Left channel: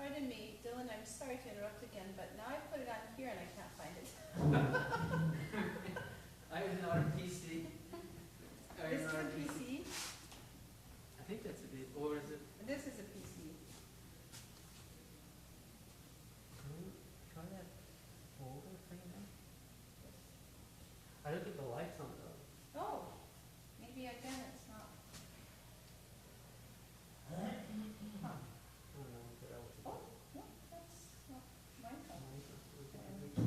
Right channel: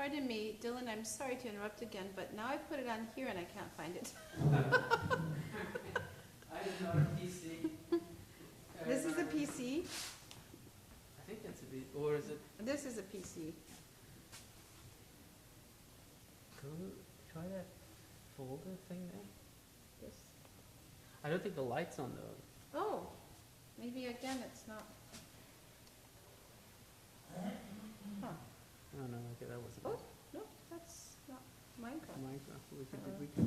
Pardon me, Dylan, I'm sorry to interrupt again, but now I put it on here and I can't find it. I am not a PC. This is a PC? I think that's a PC, or is it? This is a PC. Try that folder thing there. This. I don't think the light's on the. Oh, maybe again it's not. Huh. Oh no, okay, that wasn't. Oh, no, that's not Minecraft. Minecraft, so we can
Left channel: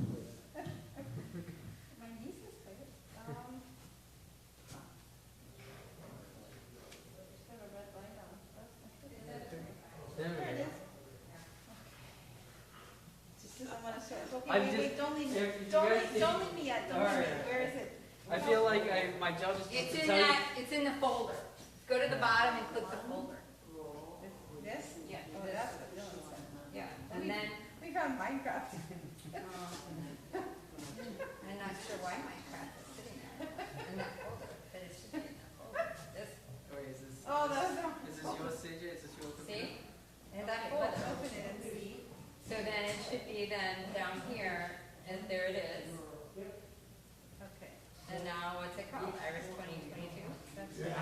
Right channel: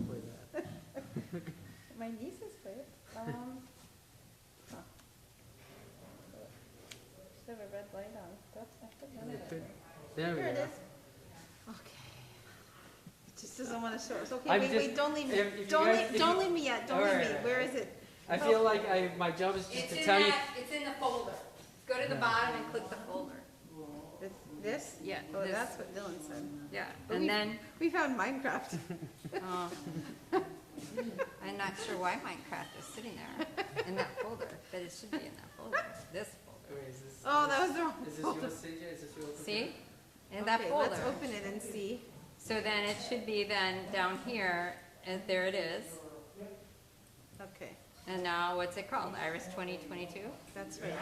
play that. My nieces play it. Huh. Still have a red light on. That's, I think that's it. There we Here it go. is. Okay. It just doesn't want to show us. Okay, I've wait, just- don't leave me. if you Don't guys leave me yet. Don't leave me. Alright. Where is it? I feel like my job is just It's to in tell you. that, it's in the folder. Go to the bottom and click the folder. This? Yeah. Oh, this- that's what Dylan said. Yeah, But and we- then, We found Minecraft. oh, I'm not sure why Minecraft is sitting there in that folder, but it should be in that folder, this folder. Wait, is this? Oh, that was the wrong Is this folder. yours, CJ? Is this yours? See? In that Okay, folder. let's open it and see. So then it should be then down here, and there it is. Okay, And now what's it called? IRAS 2022? that's right.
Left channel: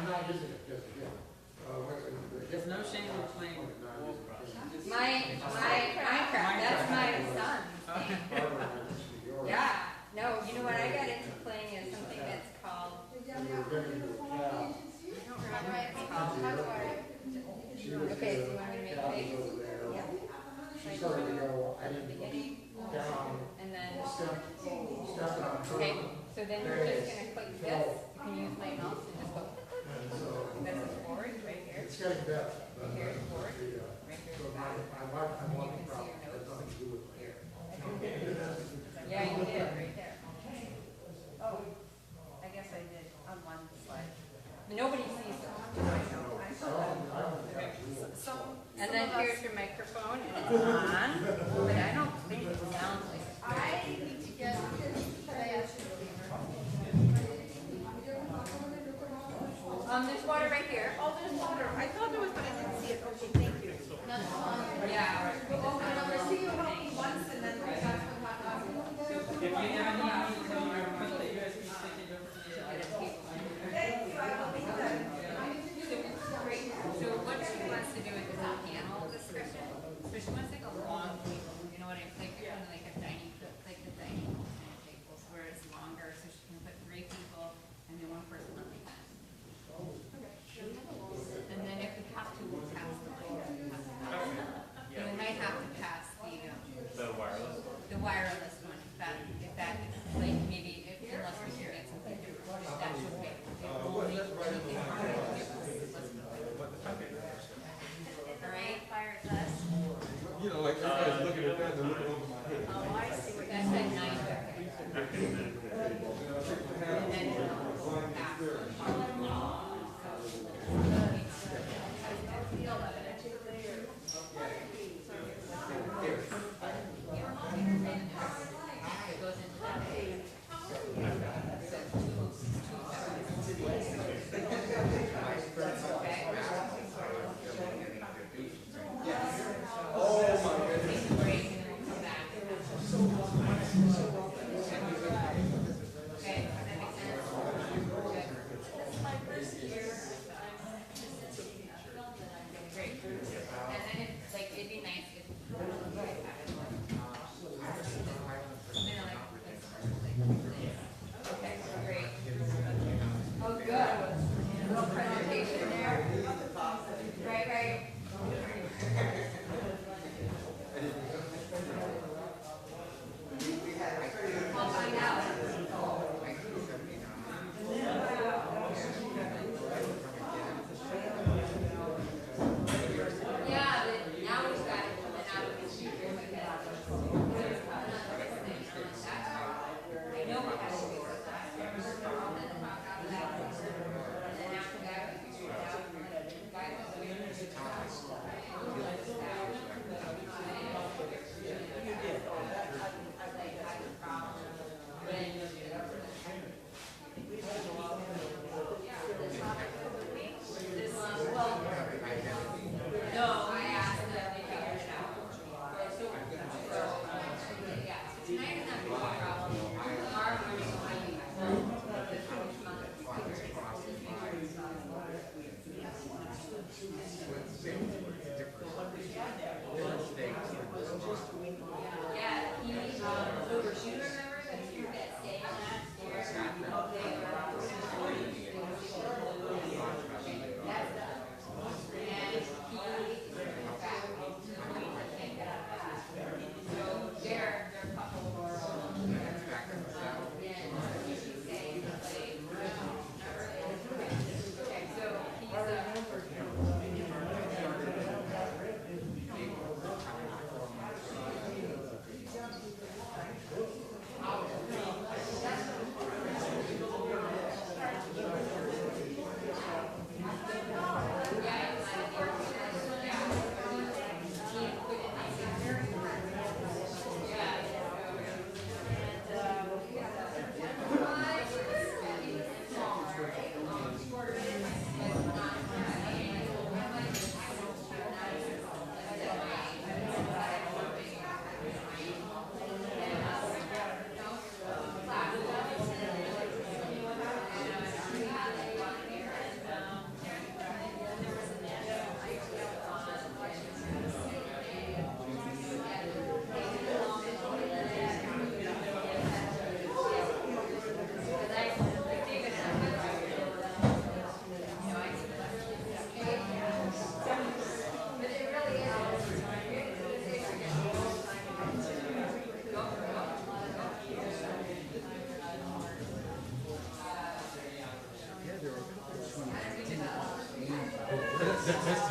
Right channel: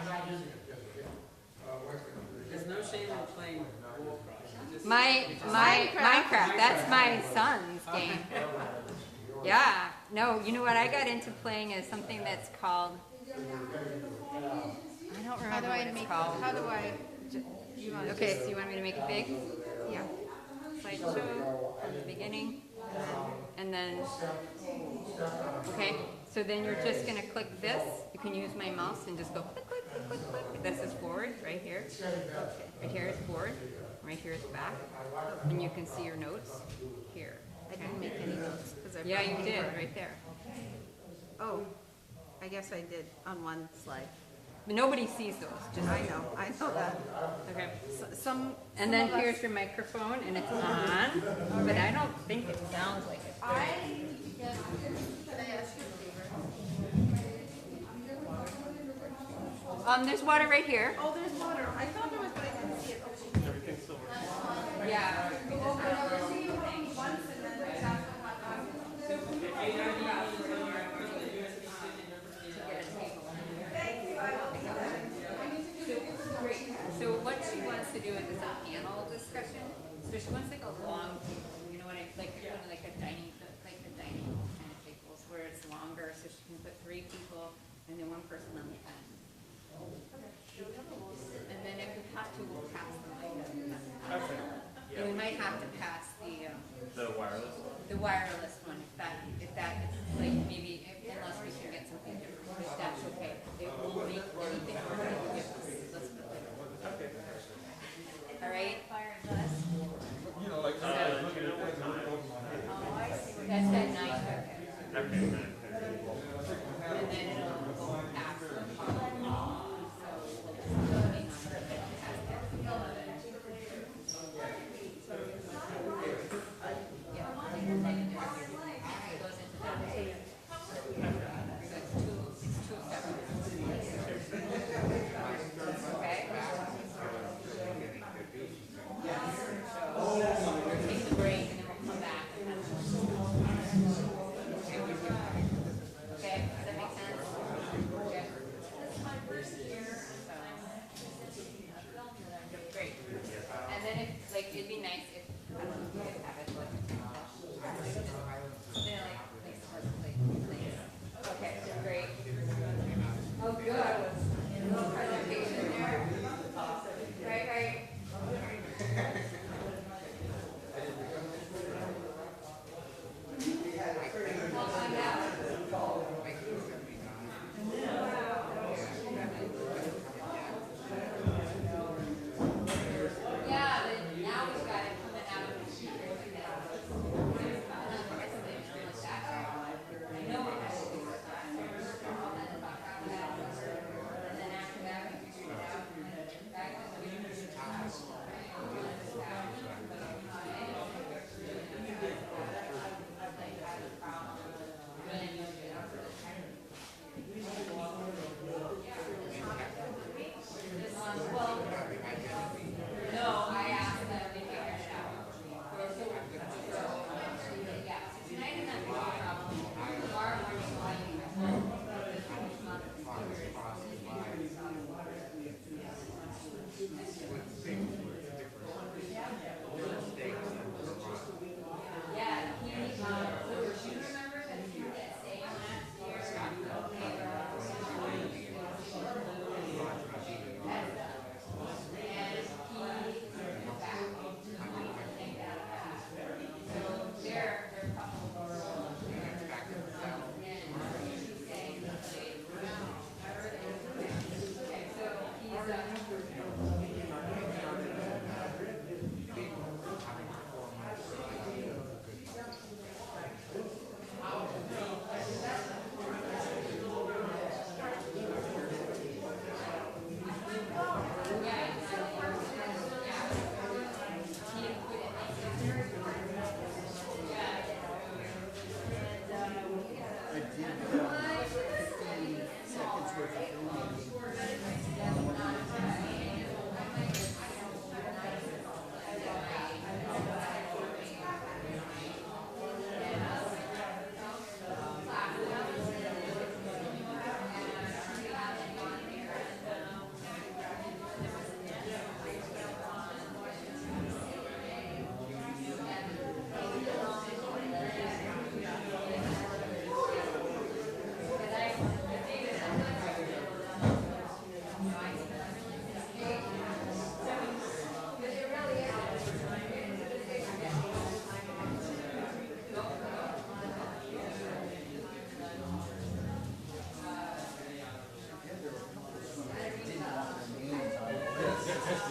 There's no shame in playing Warcraft. Just- Minecraft, that's my son's game. Yeah, no, you know what I got into playing is something that's called, I don't How do remember what I it's make called. it? How do I? Okay, so you want me to make it big? Yeah. Slideshow at the beginning, and then, okay, so then you're just gonna click this. You can use my mouse and just go click, click, click, click, click. This is forward, right here. Right here is forward, right here is back. And you can see your notes here. I didn't make any notes because I. Yeah, you did, right there. Oh, I guess I did on one slide. But nobody sees those. I know that. Okay. Some. And then some of us- here's your microphone, and it's on, but I don't think it sounds like it. I need to get, can I ask you a favor? There's water right here. Oh, there's water. I thought there was, but I didn't see it. Okay, thank you. Yeah. I see you once and then we got So what she wants to do is a panel discussion. So she wants like a long table, you know what I like, kind of like a dining kind of tables where it's longer, so she can put 3 people and then 1 person on the end. And then if we have to, we'll pass the mic. So we might have to pass the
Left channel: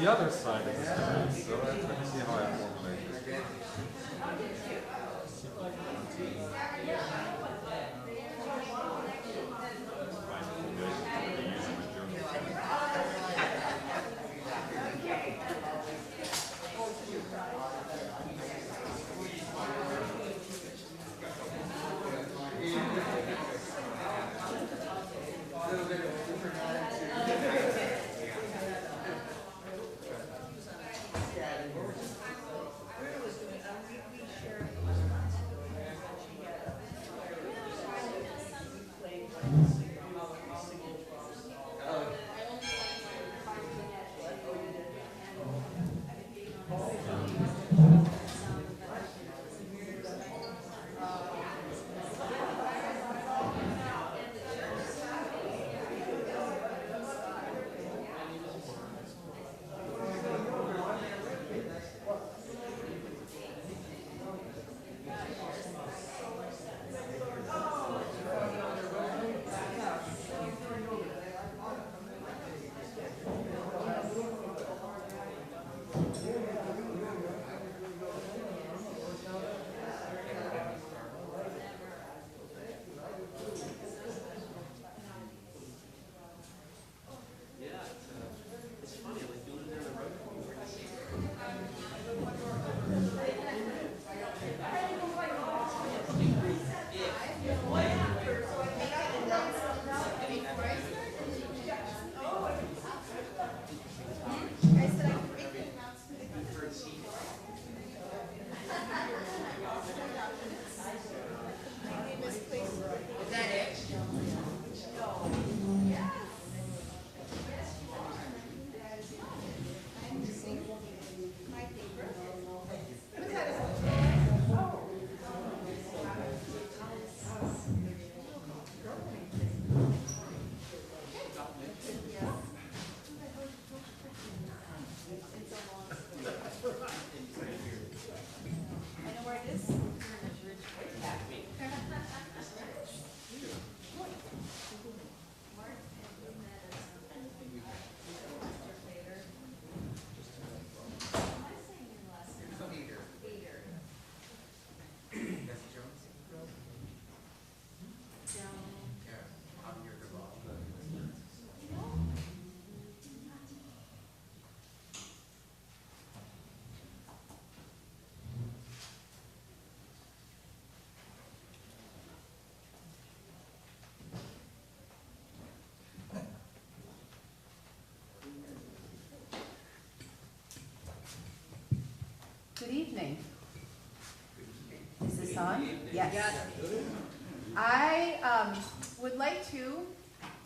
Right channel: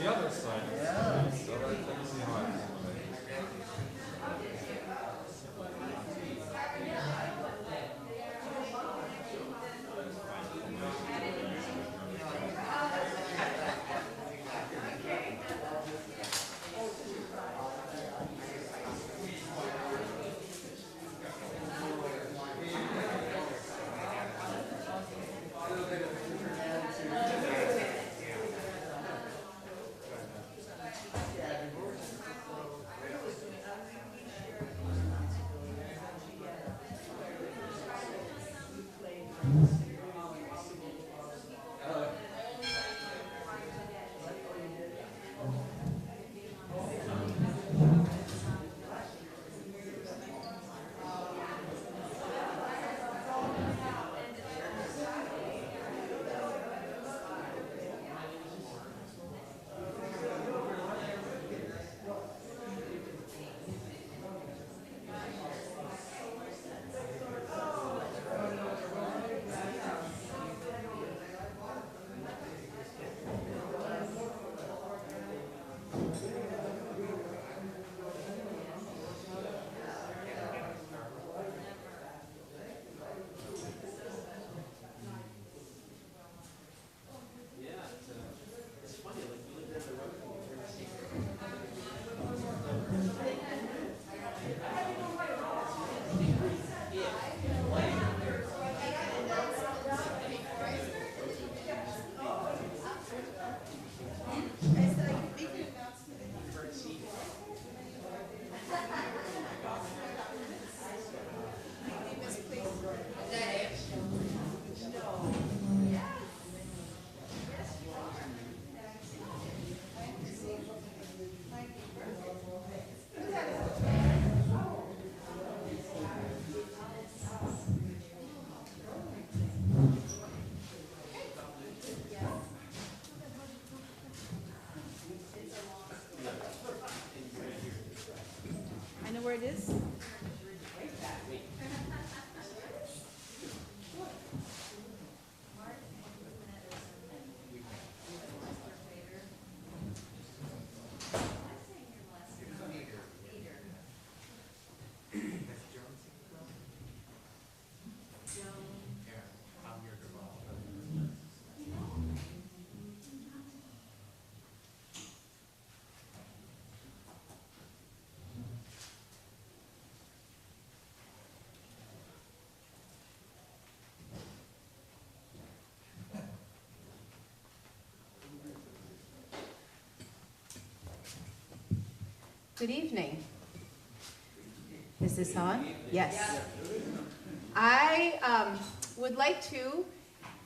the other side of the space. So let me see how I formulate this. I know where it is. Good evening. Is this on? Yes. I would like to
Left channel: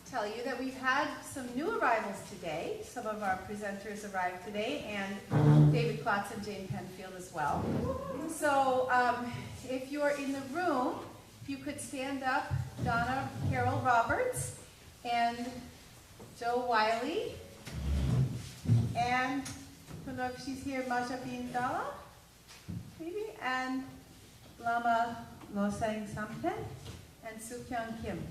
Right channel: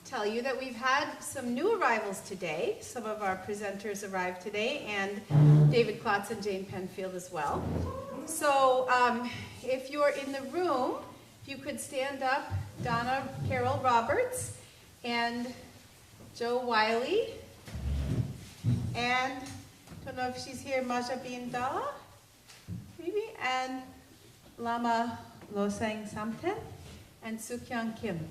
tell you that we've had some new arrivals today. Some of our presenters arrived today, and David Klotz and Jane Penfield as well. So if you're in the room, if you could stand up, Donna Carol Roberts and Joe Wiley, and I don't know if she's here, Maja Bindala, maybe, and Lama Losang Samten, and Sukyang Kim.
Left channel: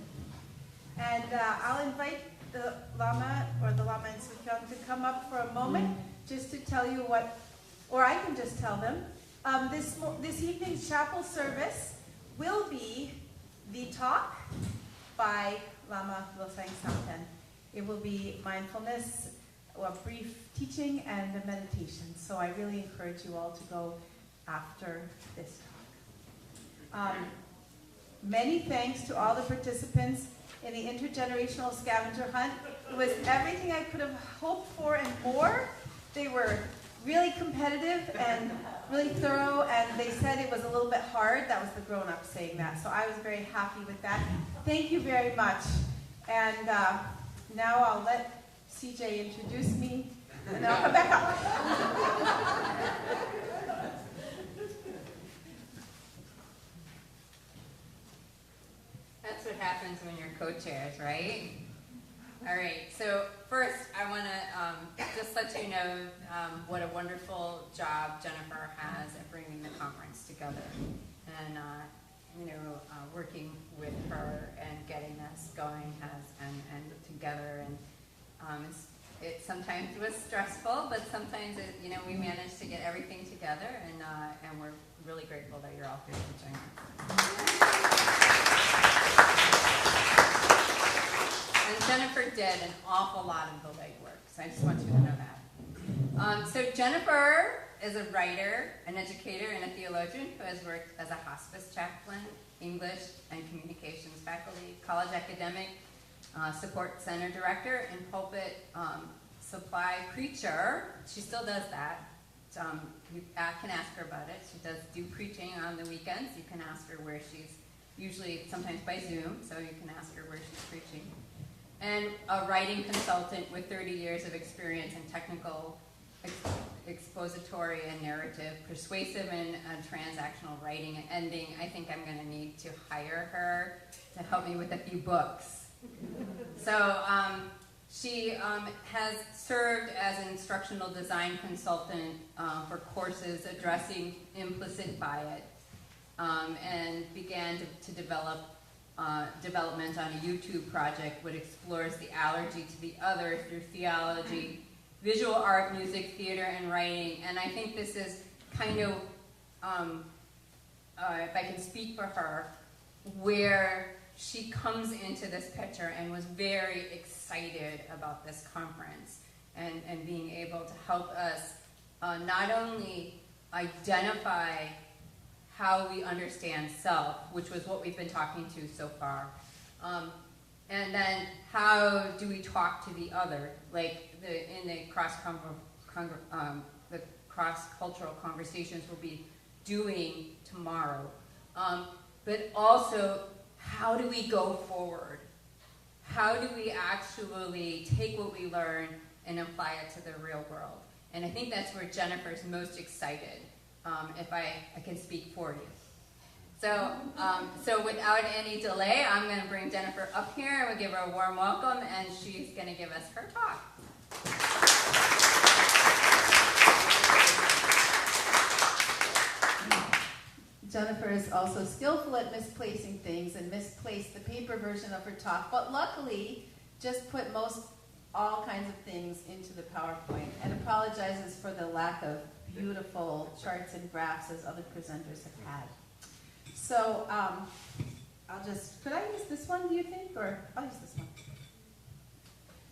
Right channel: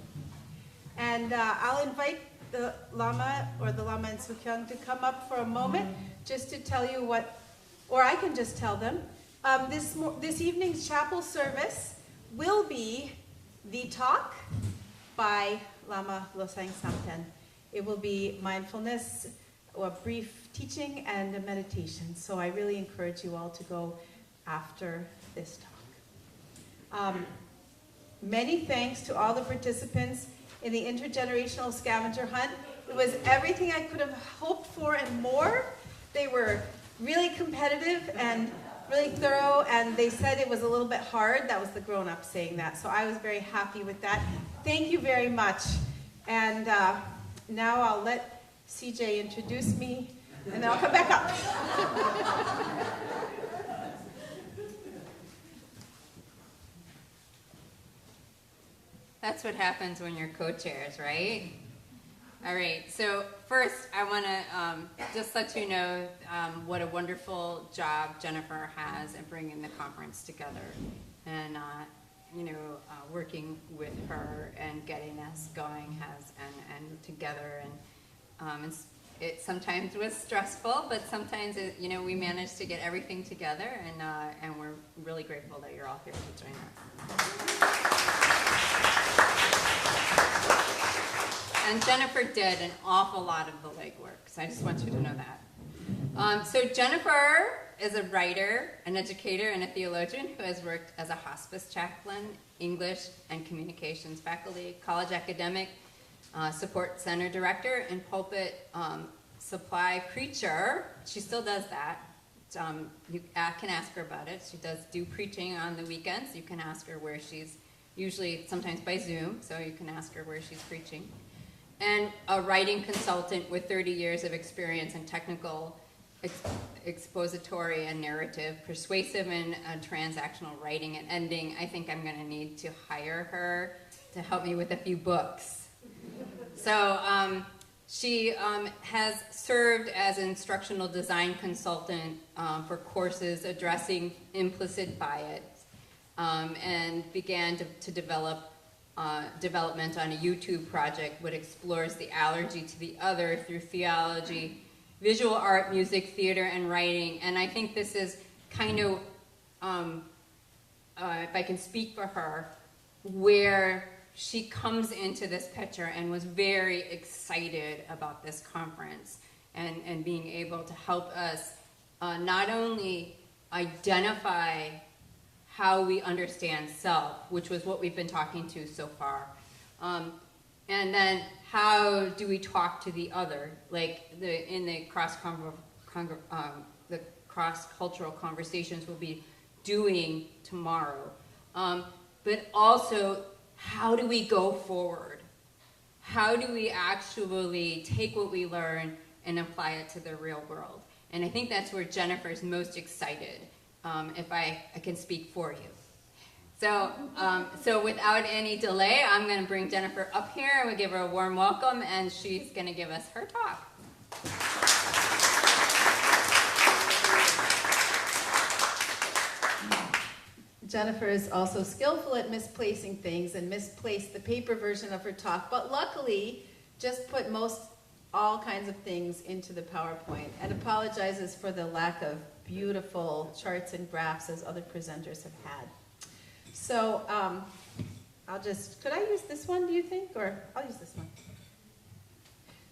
And I'll invite the Lama and Sukyang to come up for a moment just to tell you what, or I can just tell them. This evening's chapel service will be the talk by Lama Losang Samten. It will be mindfulness, a brief teaching, and a meditation. So I really encourage you all to go after this talk. Many thanks to all the participants in the intergenerational scavenger hunt. It was everything I could have hoped for and more. They were really competitive and really thorough, and they said it was a little bit hard. That was the grown-up saying that. So I was very happy with that. Thank you very much. And now I'll let CJ introduce me, and then I'll come back up. That's what happens when you're co-chairs, right? All right, so first I want to just let you know what a wonderful job Jennifer has at bringing the conference together, and working with her and getting us going and together, and it's it sometimes was stressful, but sometimes we managed to get everything together, and we're really grateful that you're all here to join us. And Jennifer did an awful lot of the legwork, so I just want you to know that. So Jennifer is a writer, an educator, and a theologian who has worked as a hospice chaplain, English and communications faculty, college academic, support center director, and pulpit supply preacher. She still does that. You can ask her about it. She does do preaching on the weekends. You can ask her where she's, usually sometimes by Zoom, so you can ask her where she's preaching. And a writing consultant with 30 years of experience in technical, expository and narrative, persuasive and transactional writing and ending. I think I'm going to need to hire her to help me with a few books. So she has served as an instructional design consultant for courses addressing implicit bias, and began to develop development on a YouTube project which explores the allergy to the other through theology, visual art, music, theater, and writing. And I think this is kind of, if I can speak for her, where she comes into this picture and was very excited about this conference and being able to help us not only identify how we understand self, which was what we've been talking to so far, and then how do we talk to the other, like in the cross-cultural conversations we'll be doing tomorrow, but also how do we go forward? How do we actually take what we learn and apply it to the real world? And I think that's where Jennifer's most excited, if I can speak for you. So without any delay, I'm going to bring Jennifer up here, and we'll give her a warm welcome, and she's going to give us her talk. Jennifer is also skillful at misplacing things and misplaced the paper version of her talk, but luckily just put all kinds of things into the PowerPoint, and apologizes for the lack of beautiful charts and graphs as other presenters have had. So could I use this one, do you think? Or I'll use this one.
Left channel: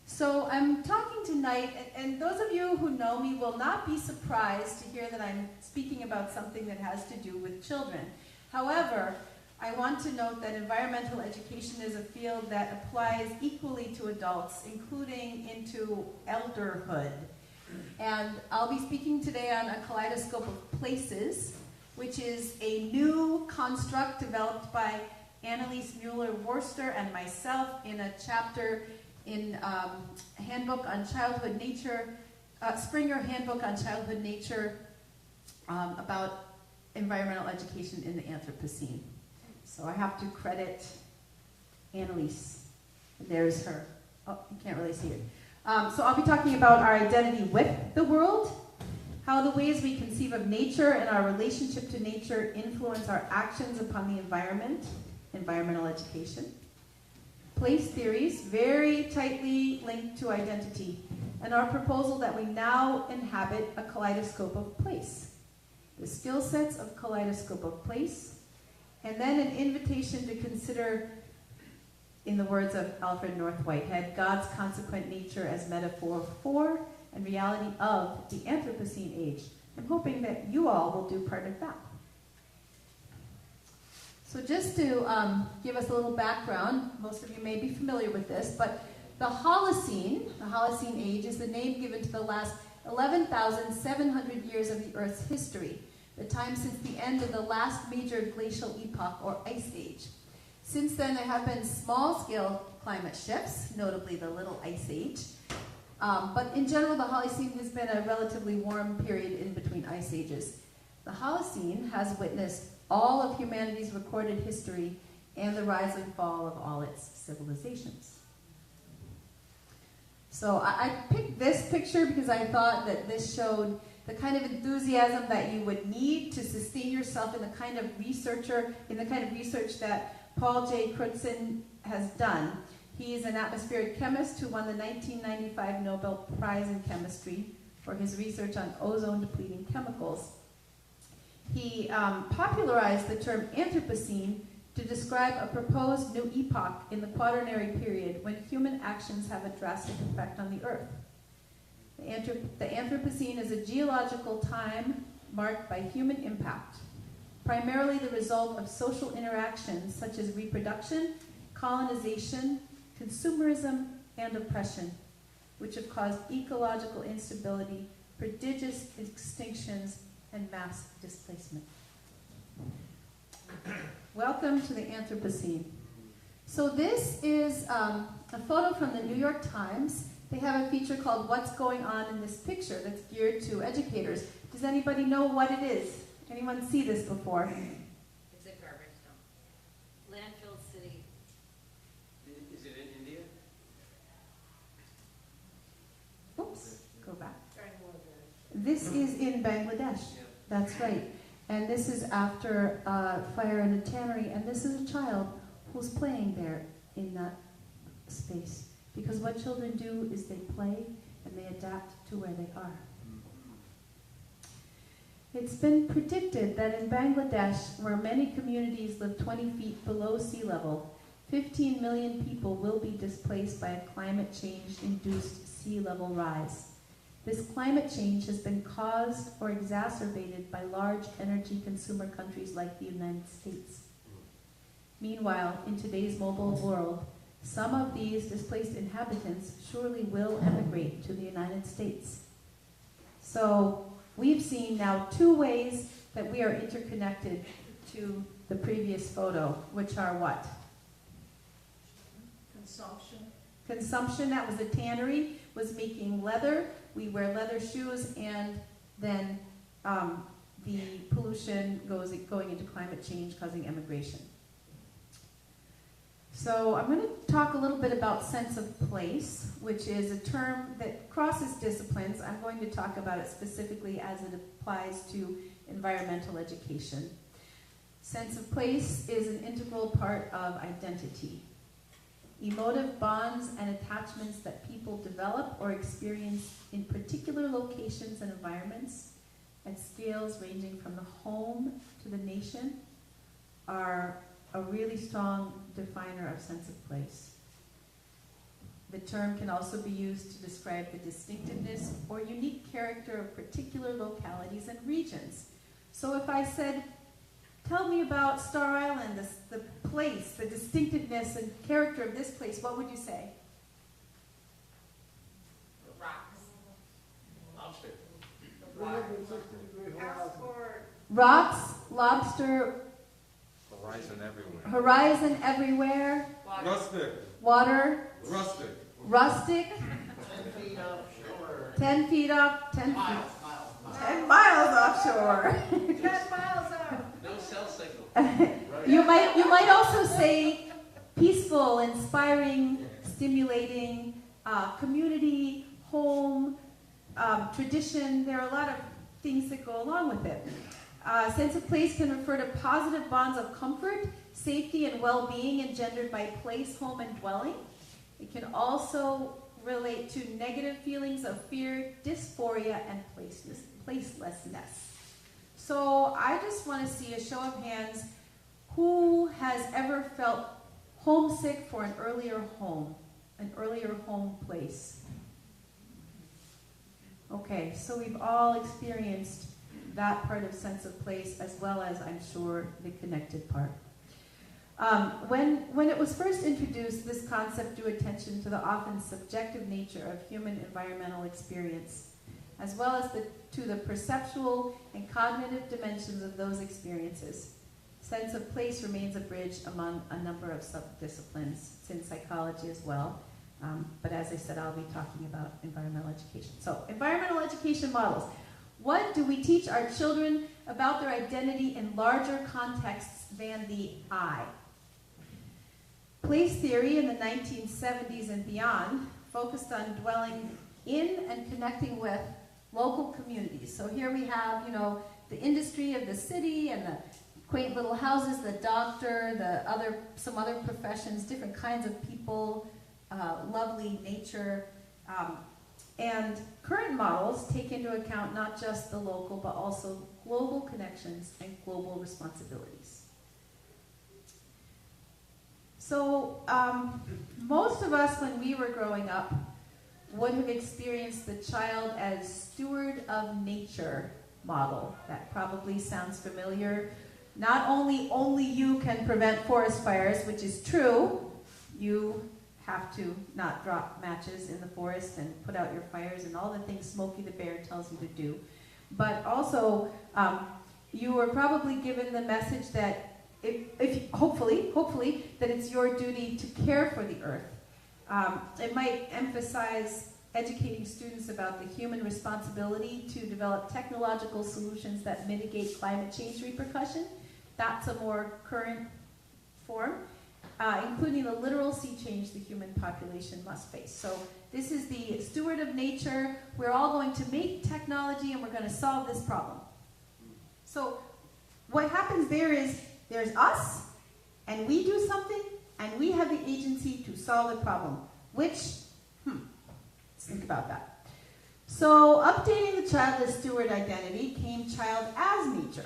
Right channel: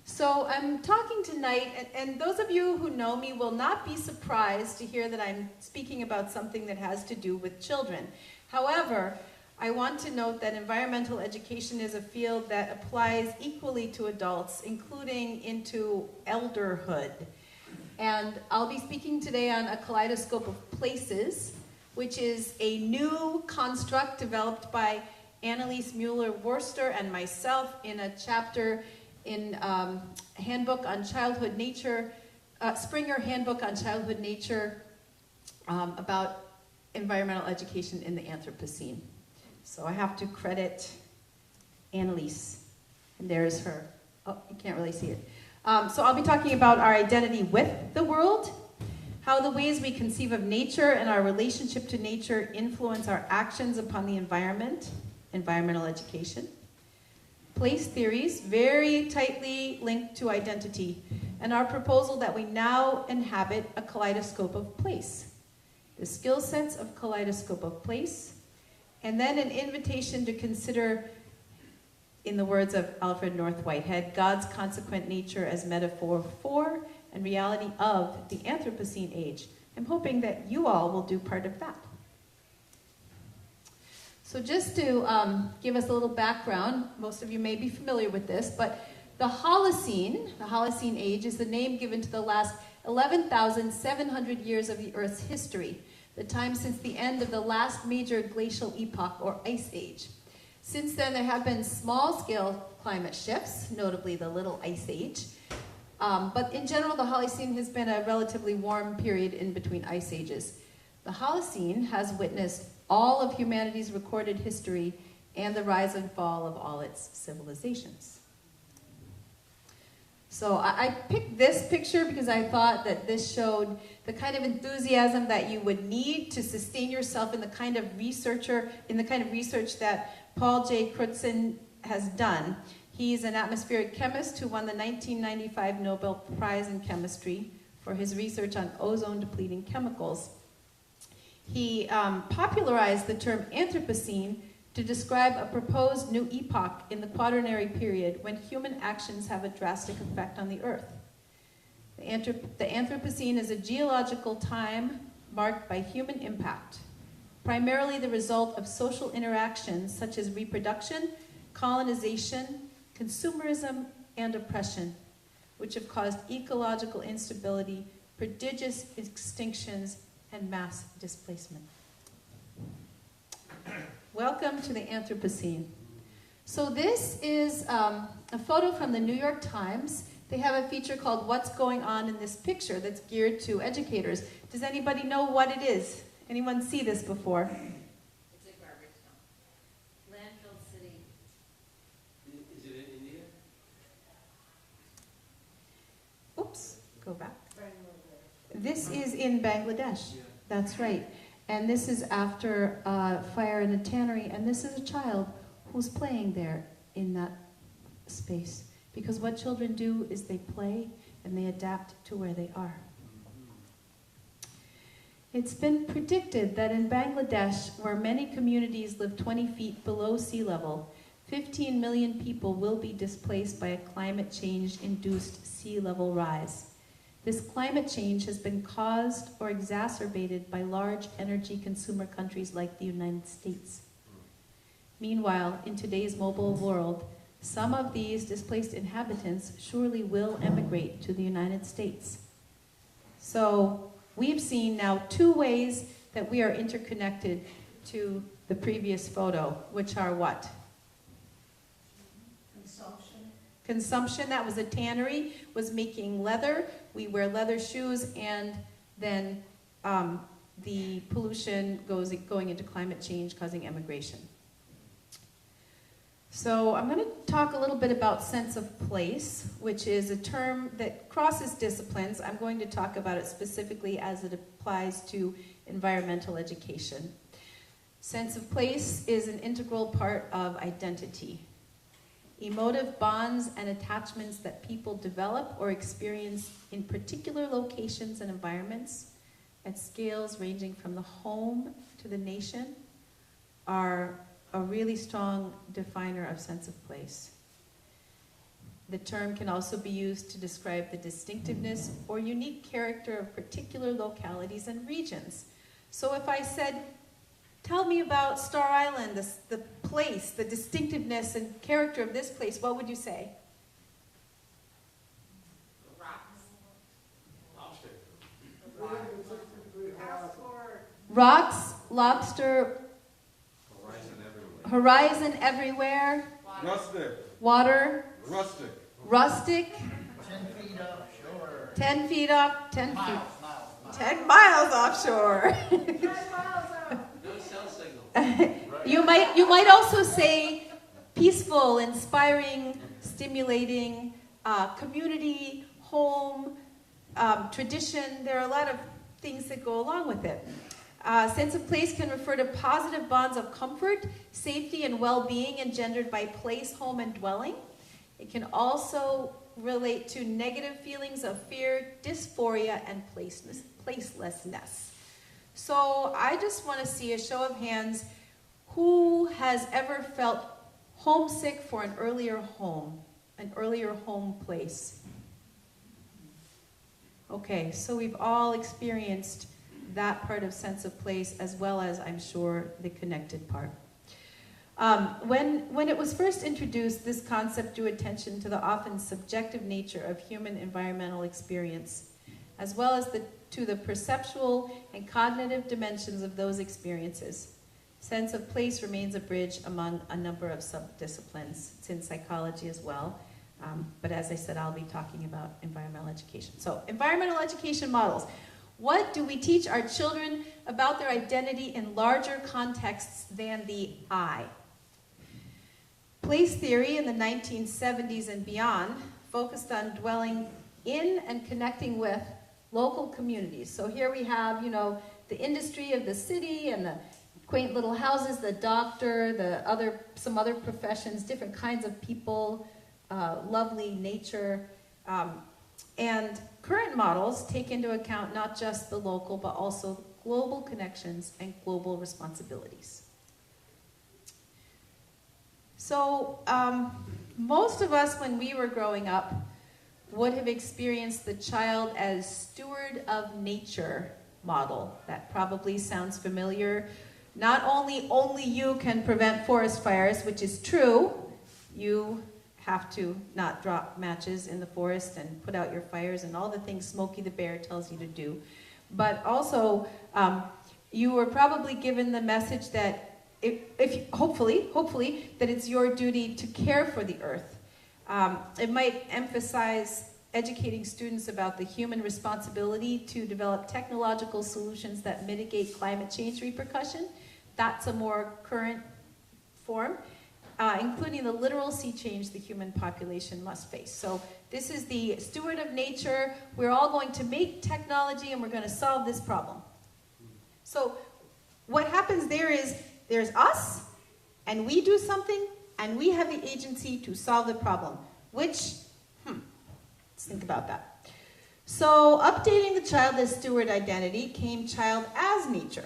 So I'm talking tonight, and those of you who know me will not be surprised to hear that I'm speaking about something that has to do with children. However, I want to note that environmental education is a field that applies equally to adults, including into elderhood. And I'll be speaking today on a kaleidoscope of places, which is a new construct developed by Annalise Mueller-Worcester and myself in a chapter in Handbook on Childhood Nature, Springer Handbook on Childhood Nature, about environmental education in the Anthropocene. So I have to credit Annalise, and there's her. Oh, you can't really see it. So I'll be talking about our identity with the world, how the ways we conceive of nature and our relationship to nature influence our actions upon the environment, environmental education. Place theories, very tightly linked to identity, and our proposal that we now inhabit a kaleidoscope of place. The skill sets of kaleidoscope of place, and then an invitation to consider, in the words of Alfred North Whitehead, God's consequent nature as metaphor for and reality of the Anthropocene age. I'm hoping that you all will do part of that. So just to give us a little background, most of you may be familiar with this, but the Holocene age, is the name given to the last 11,700 years of the Earth's history, the time since the end of the last major glacial epoch or ice age. Since then, there have been small-scale climate shifts, notably the Little Ice Age, but in general, the Holocene has been a relatively warm period in between ice ages. The Holocene has witnessed all of humanity's recorded history and the rise and fall of all its civilizations. So I picked this picture because I thought that this showed the kind of enthusiasm that you would need to sustain yourself in the kind of research that Paul J. Crutzen has done. He's an atmospheric chemist who won the 1995 Nobel Prize in Chemistry for his research on ozone-depleting chemicals. He popularized the term Anthropocene to describe a proposed new epoch in the Quaternary period when human actions have a drastic effect on the Earth. The Anthropocene is a geological time marked by human impact, primarily the result of social interactions such as reproduction, colonization, consumerism, and oppression, which have caused ecological instability, prodigious extinctions, and mass displacement. Welcome to the Anthropocene. So this is a photo from the New York Times. They have a feature called What's Going On in This Picture that's geared to educators. Does anybody know what it is? Anyone see this before? It's a garbage dump. Landfill city. Is it in India? Oops, go back. This is in Bangladesh. That's right. And this is after a fire in a tannery, and this is a child who's playing there in that space. Because what children do is they play and they adapt to where they are. It's been predicted that in Bangladesh, where many communities live 20 feet below sea level, 15 million people will be displaced by a climate change-induced sea level rise. This climate change has been caused or exacerbated by large energy consumer countries like the United States. Meanwhile, in today's mobile world, some of these displaced inhabitants surely will emigrate to the United States. So we've seen now two ways that we are interconnected to the previous photo, which are what? Consumption, that was a tannery, was making leather. We wear leather shoes, and then the pollution going into climate change, causing emigration. So I'm going to talk a little bit about sense of place, which is a term that crosses disciplines. I'm going to talk about it specifically as it applies to environmental education. Sense of place is an integral part of identity. Emotive bonds and attachments that people develop or experience in particular locations and environments at scales ranging from the home to the nation are a really strong definer of sense of place. The term can also be used to describe the distinctiveness or unique character of particular localities and regions. So if I said, tell me about Star Island, the place, the distinctiveness and character of this place, what would you say? Rocks, lobster, horizon everywhere, water, rustic, 10 feet up, 10 miles offshore. 10 miles up. No cell signal. You might also say peaceful, inspiring, stimulating, community, home, tradition. There are a lot of things that go along with it. Sense of place can refer to positive bonds of comfort, safety, and well-being engendered by place, home, and dwelling. It can also relate to negative feelings of fear, dysphoria, and placelessness. So I just want to see a show of hands. Who has ever felt homesick for an earlier home place? Okay, so we've all experienced that part of sense of place, as well as, I'm sure, the connected part. When it was first introduced, this concept drew attention to the often subjective nature of human environmental experience, as well as to the perceptual and cognitive dimensions of those experiences. Sense of place remains a bridge among a number of subdisciplines. It's in psychology as well. But as I said, I'll be talking about environmental education. So, environmental education models. What do we teach our children about their identity in larger contexts than the I? Place theory in the 1970s and beyond focused on dwelling in and connecting with local communities. So here we have, the industry of the city and the quaint little houses, the doctor, some other professions, different kinds of people, lovely nature. And current models take into account not just the local, but also global connections and global responsibilities. So most of us, when we were growing up, would have experienced the child as steward of nature model. That probably sounds familiar. Not only you can prevent forest fires, which is true. You have to not drop matches in the forest and put out your fires and all the things Smokey the Bear tells you to do. But also, you were probably given the message that if hopefully, that it's your duty to care for the earth. It might emphasize educating students about the human responsibility to develop technological solutions that mitigate climate change repercussion. That's a more current form, including the literal sea change the human population must face. So this is the steward of nature. We're all going to make technology and we're going to solve this problem. So what happens there is there's us, and we do something, and we have the agency to solve the problem, which, let's think about that. So updating the child as steward identity came child as nature,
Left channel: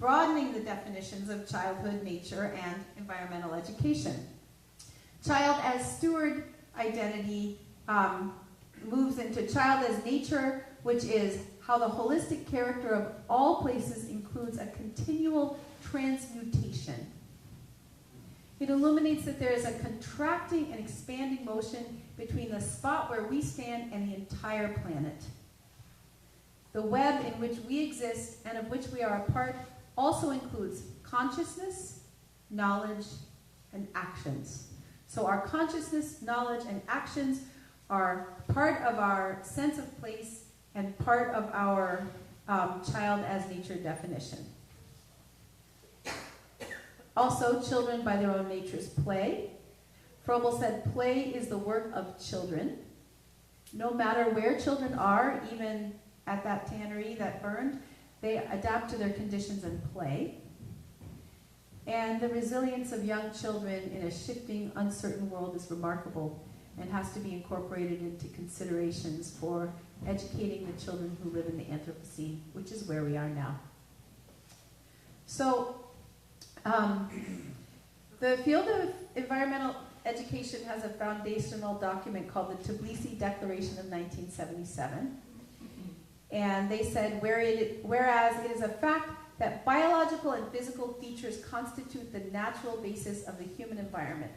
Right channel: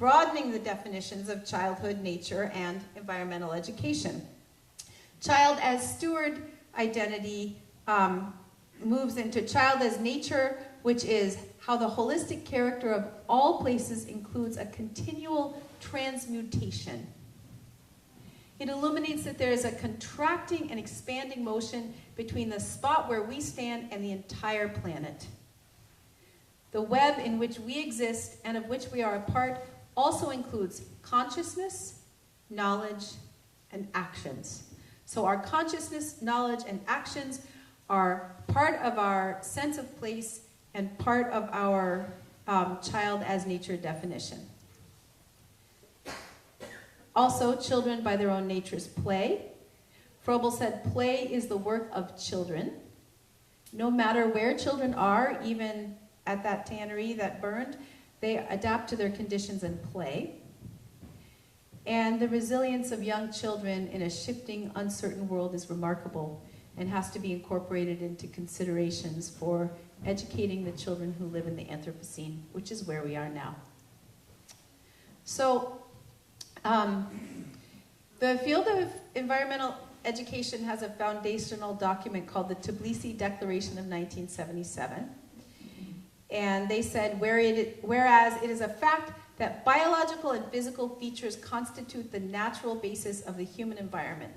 broadening the definitions of childhood, nature, and environmental education. Child as steward identity moves into child as nature, which is how the holistic character of all places includes a continual transmutation. It illuminates that there is a contracting and expanding motion between the spot where we stand and the entire planet. The web in which we exist and of which we are a part also includes consciousness, knowledge, and actions. So our consciousness, knowledge, and actions are part of our sense of place and part of our child as nature definition. Also, children by their own natures play. Froebel said play is the work of children. No matter where children are, even at that tannery that burned, they adapt to their conditions and play. And the resilience of young children in a shifting, uncertain world is remarkable and has to be incorporated into considerations for educating the children who live in the Anthropocene, which is where we are now. So, the field of environmental education has a foundational document called the Tbilisi Declaration of 1977. And they said, whereas it is a fact that biological and physical features constitute the natural basis of the human environment.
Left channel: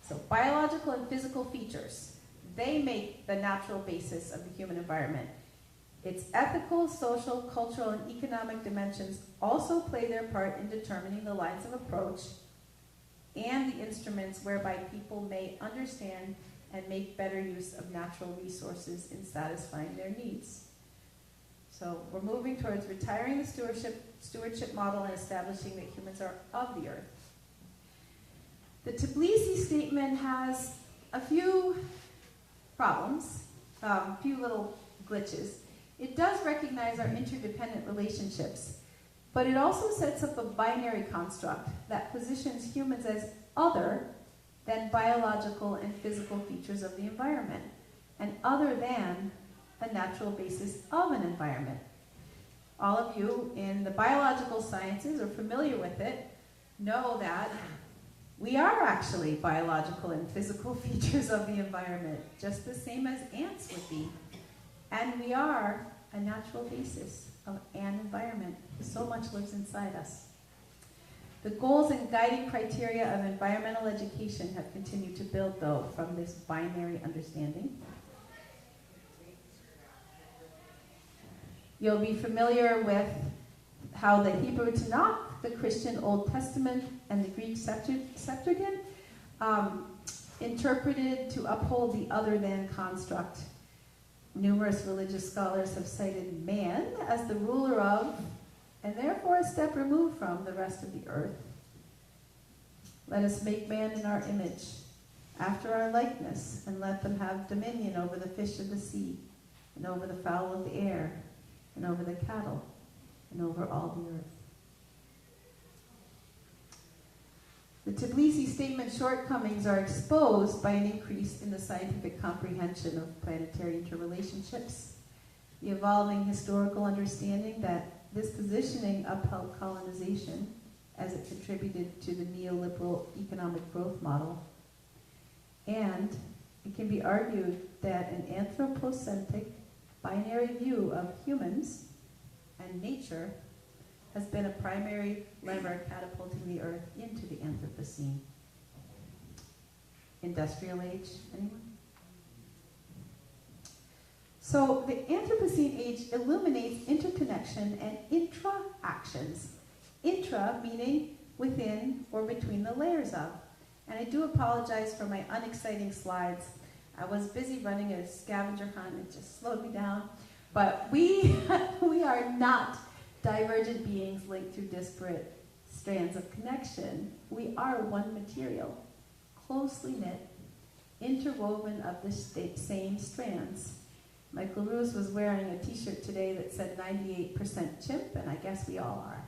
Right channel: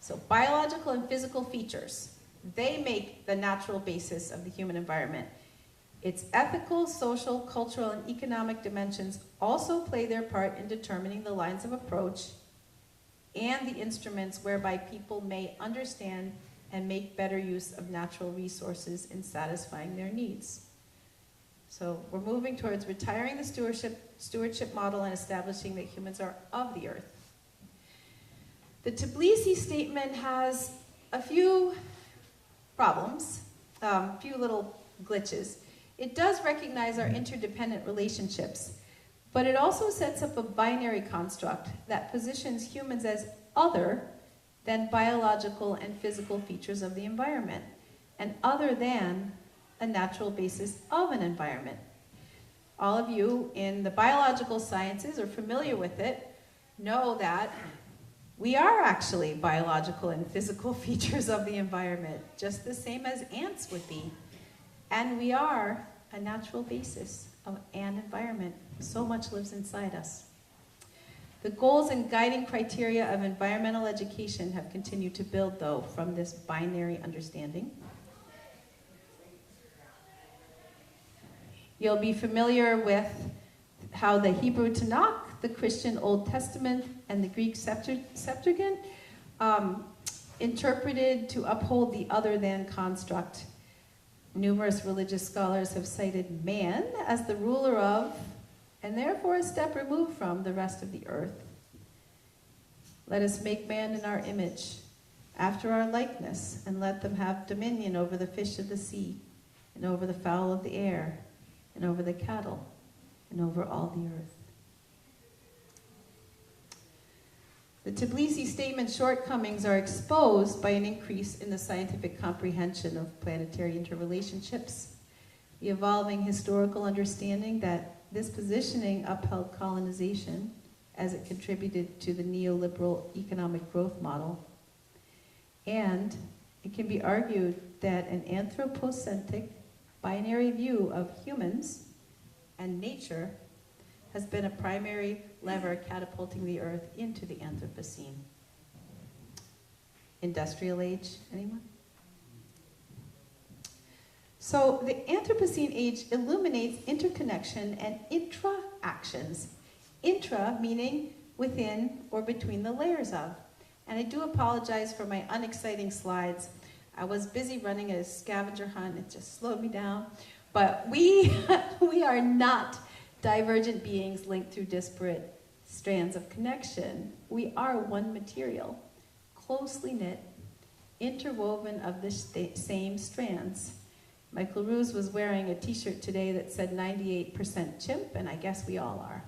So biological and physical features, they make the natural basis of the human environment. Its ethical, social, cultural, and economic dimensions also play their part in determining the lines of approach and the instruments whereby people may understand and make better use of natural resources in satisfying their needs. So we're moving towards retiring the stewardship model and establishing that humans are of the earth. The Tbilisi statement has a few problems, a few little glitches. It does recognize our interdependent relationships, but it also sets up a binary construct that positions humans as other than biological and physical features of the environment, and other than a natural basis of an environment. All of you in the biological sciences are familiar with it, know that we are actually biological and physical features of the environment, just the same as ants would be. And we are a natural basis of an environment. So much lives inside us. The goals and guiding criteria of environmental education have continued to build, though, from this binary understanding. You'll be familiar with how the Hebrew Tanakh, the Christian Old Testament, and the Greek Septuagint interpreted to uphold the other than construct. Numerous religious scholars have cited man as the ruler of, and therefore a step removed from, the rest of the earth. Let us make man in our image, after our likeness, and let them have dominion over the fish of the sea, and over the fowl of the air, and over the cattle, and over all the earth. The Tbilisi Statement's shortcomings are exposed by an increase in the scientific comprehension of planetary interrelationships, the evolving historical understanding that this positioning upheld colonization as it contributed to the neoliberal economic growth model. And it can be argued that an anthropocentric binary view of humans and nature has been a primary lever catapulting the Earth into the Anthropocene. Industrial age, anyone? So the Anthropocene age illuminates interconnection and intra-actions. Intra meaning within or between the layers of. And I do apologize for my unexciting slides. I was busy running a scavenger hunt, it just slowed me down. But we are not divergent beings linked through disparate strands of connection. We are one material, closely knit, interwoven of the same strands. Michael Ruse was wearing a t-shirt today that said 98% chimp, and I guess we all are.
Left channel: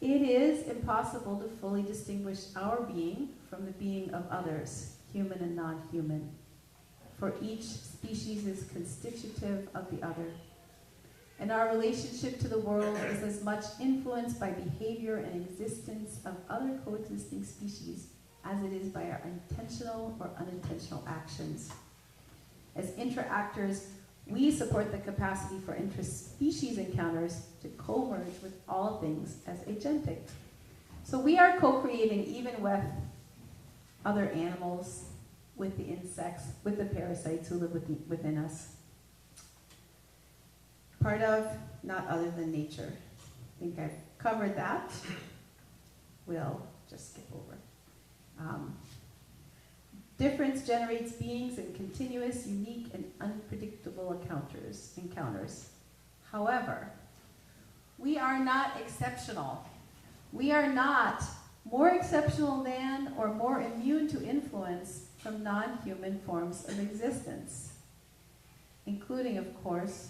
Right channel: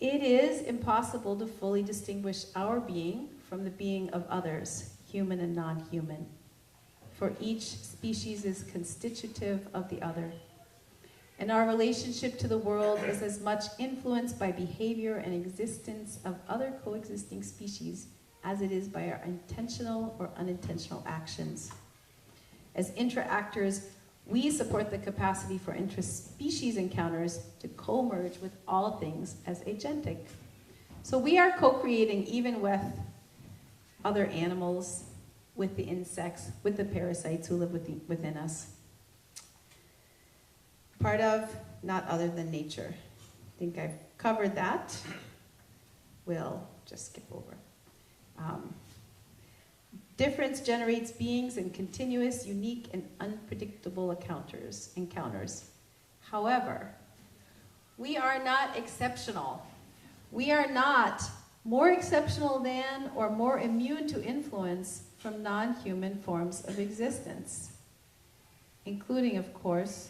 It is impossible to fully distinguish our being from the being of others, human and non-human, for each species is constitutive of the other. And our relationship to the world is as much influenced by behavior and existence of other coexisting species as it is by our intentional or unintentional actions. As interactors, we support the capacity for interspecies encounters to co-merge with all things as agentic. So we are co-creating even with other animals, with the insects, with the parasites who live within us. Part of, not other than nature. I think I've covered that. We'll just skip over. Difference generates beings in continuous, unique, and unpredictable encounters. However, we are not exceptional. We are not more exceptional than or more immune to influence from non-human forms of existence, including, of course,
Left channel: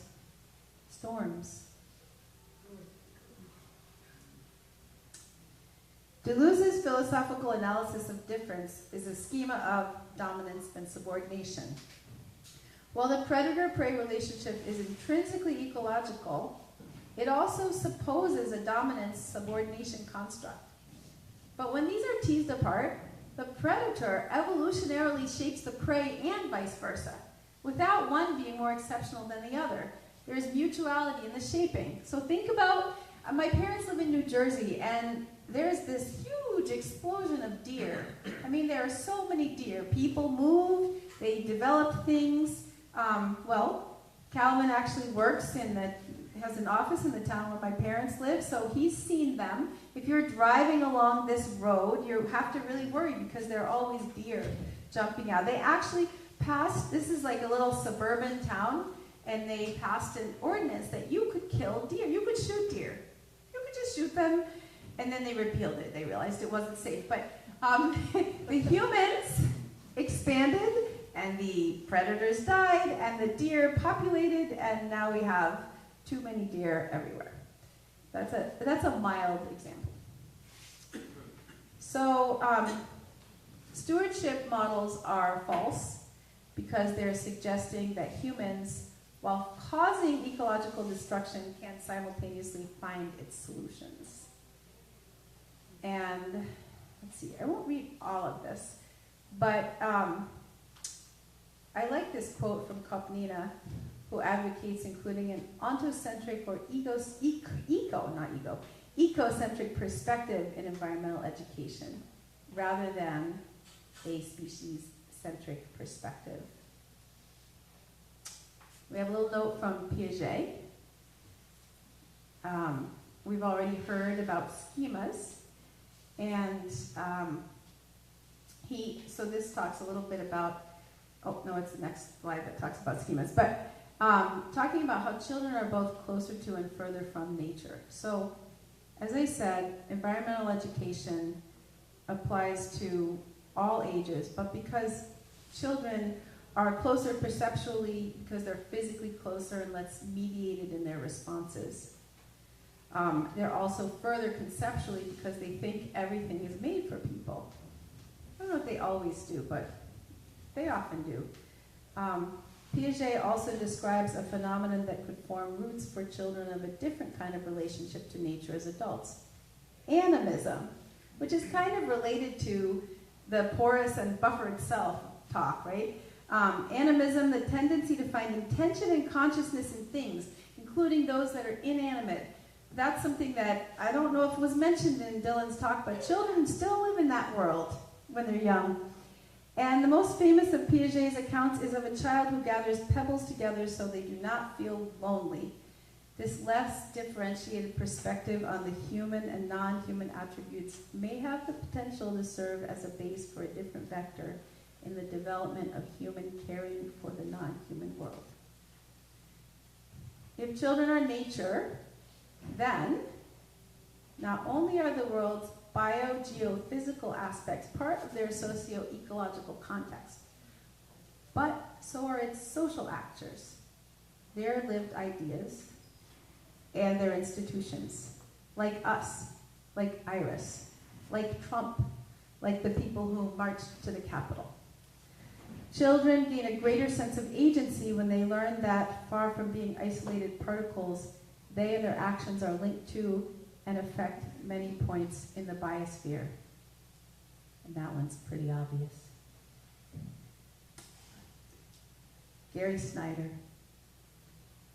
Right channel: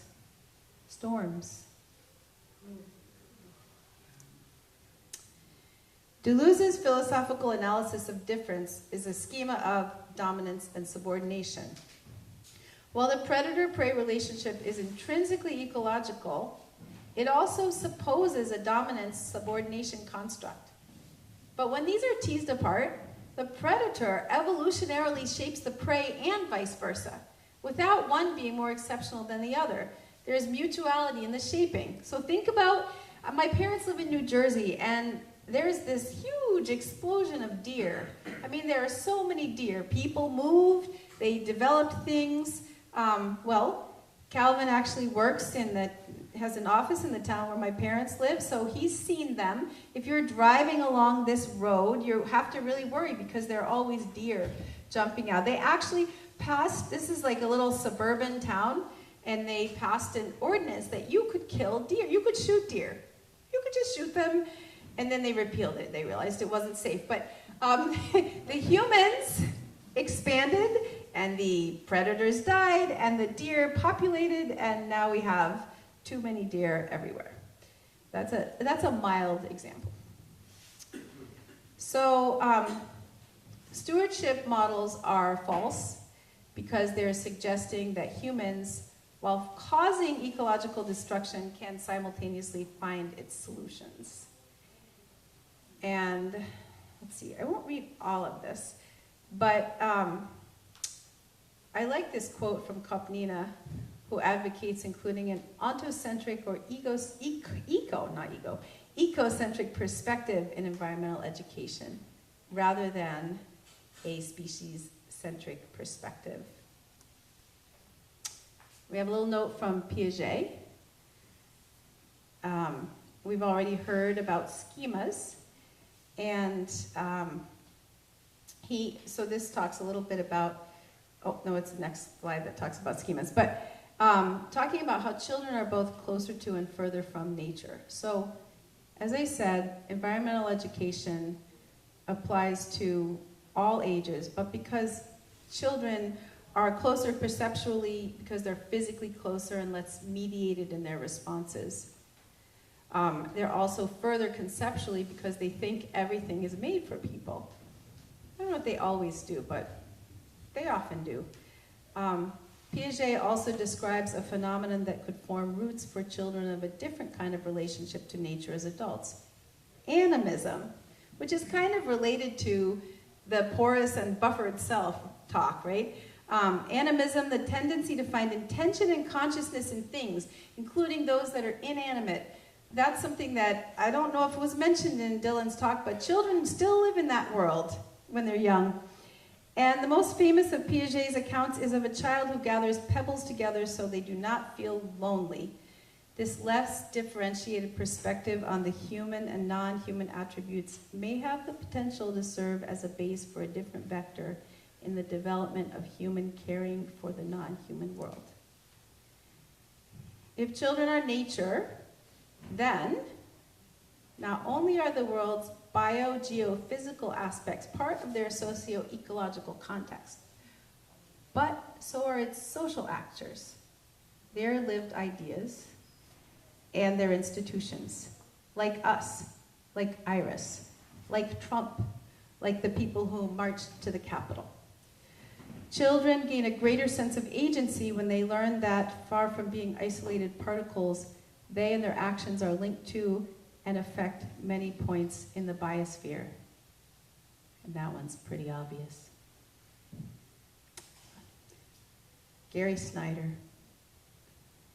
storms. Deleuze's philosophical analysis of difference is a schema of dominance and subordination. While the predator-prey relationship is intrinsically ecological, it also supposes a dominance-subordination construct. But when these are teased apart, the predator evolutionarily shapes the prey and vice versa, without one being more exceptional than the other. There is mutuality in the shaping. So think about, my parents live in New Jersey, and there's this huge explosion of deer. I mean, there are so many deer. People moved, they developed things. Calvin actually has an office in the town where my parents live, so he's seen them. If you're driving along this road, you have to really worry because there are always deer jumping out. They actually passed, this is like a little suburban town, and they passed an ordinance that you could kill deer. You could shoot deer. You could just shoot them. And then they repealed it. They realized it wasn't safe. But the humans expanded, and the predators died, and the deer populated, and now we have too many deer everywhere. That's a mild example. So stewardship models are false because they're suggesting that humans, while causing ecological destruction, can simultaneously find its solutions. And let's see, I won't read all of this, but I like this quote from Kopnina, who advocates including an ontocentric or ecocentric perspective in environmental education, rather than a species-centric perspective. We have a little note from Piaget. We've already heard about schemas. And so this talks a little bit about, it's the next slide that talks about schemas, but talking about how children are both closer to and further from nature. So, as I said, environmental education applies to all ages, but because children are closer perceptually, because they're physically closer and less mediated in their responses. They're also further conceptually because they think everything is made for people. I don't know if they always do, but they often do. Piaget also describes a phenomenon that could form roots for children of a different kind of relationship to nature as adults. Animism, which is kind of related to the porous and buffered self talk, right? Animism, the tendency to find intention and consciousness in things, including those that are inanimate. That's something that I don't know if it was mentioned in Dylan's talk, but children still live in that world when they're young. And the most famous of Piaget's accounts is of a child who gathers pebbles together so they do not feel lonely. This less differentiated perspective on the human and non-human attributes may have the potential to serve as a base for a different vector in the development of human caring for the non-human world. If children are nature, then not only are the world's bio-geophysical aspects part of their socio-ecological context, but so are its social actors, their lived ideas, and their institutions, like us, like IRAS, like Trump, like the people who marched to the Capitol. Children gain a greater sense of agency when they learn that, far from being isolated particles, they and their actions are linked to and affect many points in the biosphere. And that one's pretty obvious. Gary Snyder.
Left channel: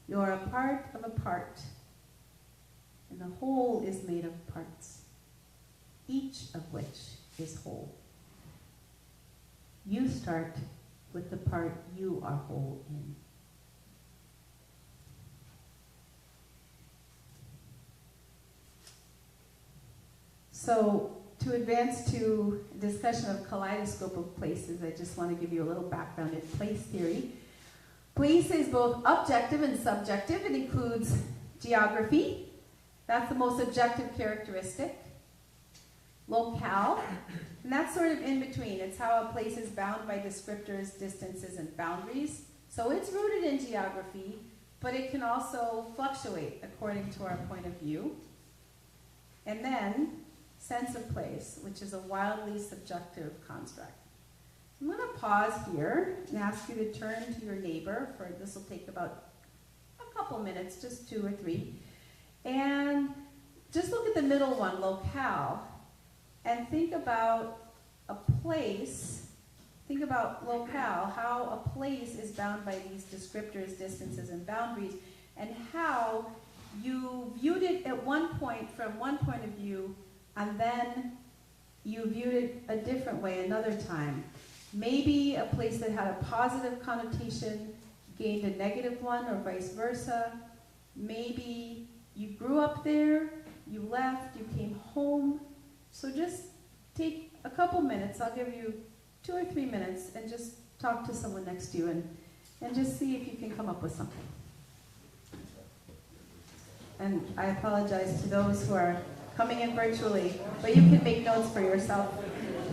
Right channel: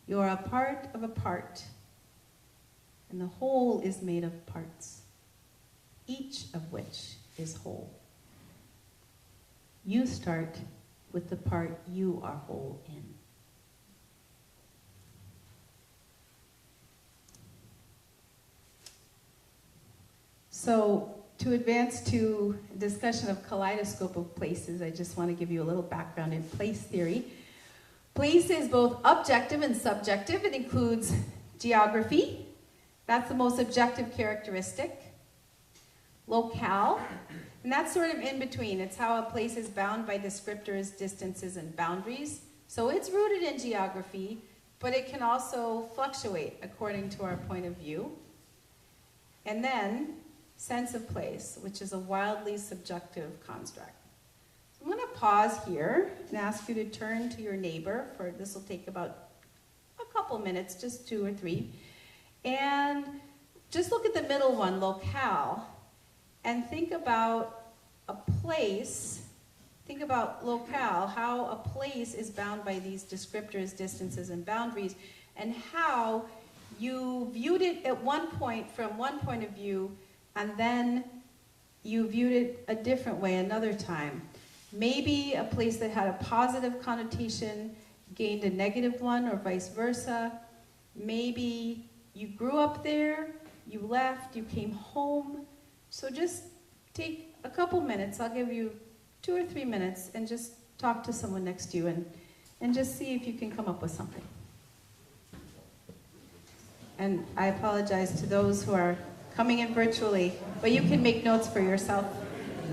You are a part of a part, and the whole is made of parts, each of which is whole. You start with the part you are whole in. So, to advance to a discussion of kaleidoscope of places, I just want to give you a little background in place theory. Place is both objective and subjective. It includes geography. That's the most objective characteristic. Locale, and that's sort of in between. It's how a place is bound by descriptors, distances, and boundaries. So it's rooted in geography, but it can also fluctuate according to our point of view. And then, sense of place, which is a wildly subjective construct. So I'm going to pause here and ask you to turn to your neighbor. This will take about a couple minutes, just 2 or 3. And just look at the middle one, locale, and think about a place. Think about locale, how a place is bound by these descriptors, distances, and boundaries, and how you viewed it at one point from one point of view, and then you viewed it a different way another time. Maybe a place that had a positive connotation gained a negative one, or vice versa. Maybe you grew up there, you left, you came home. So just take a couple minutes. I'll give you 2 or 3 minutes and just talk to someone next to you and just see if you can come up with something. And I apologize to those who are coming in virtually, but you can make notes for yourself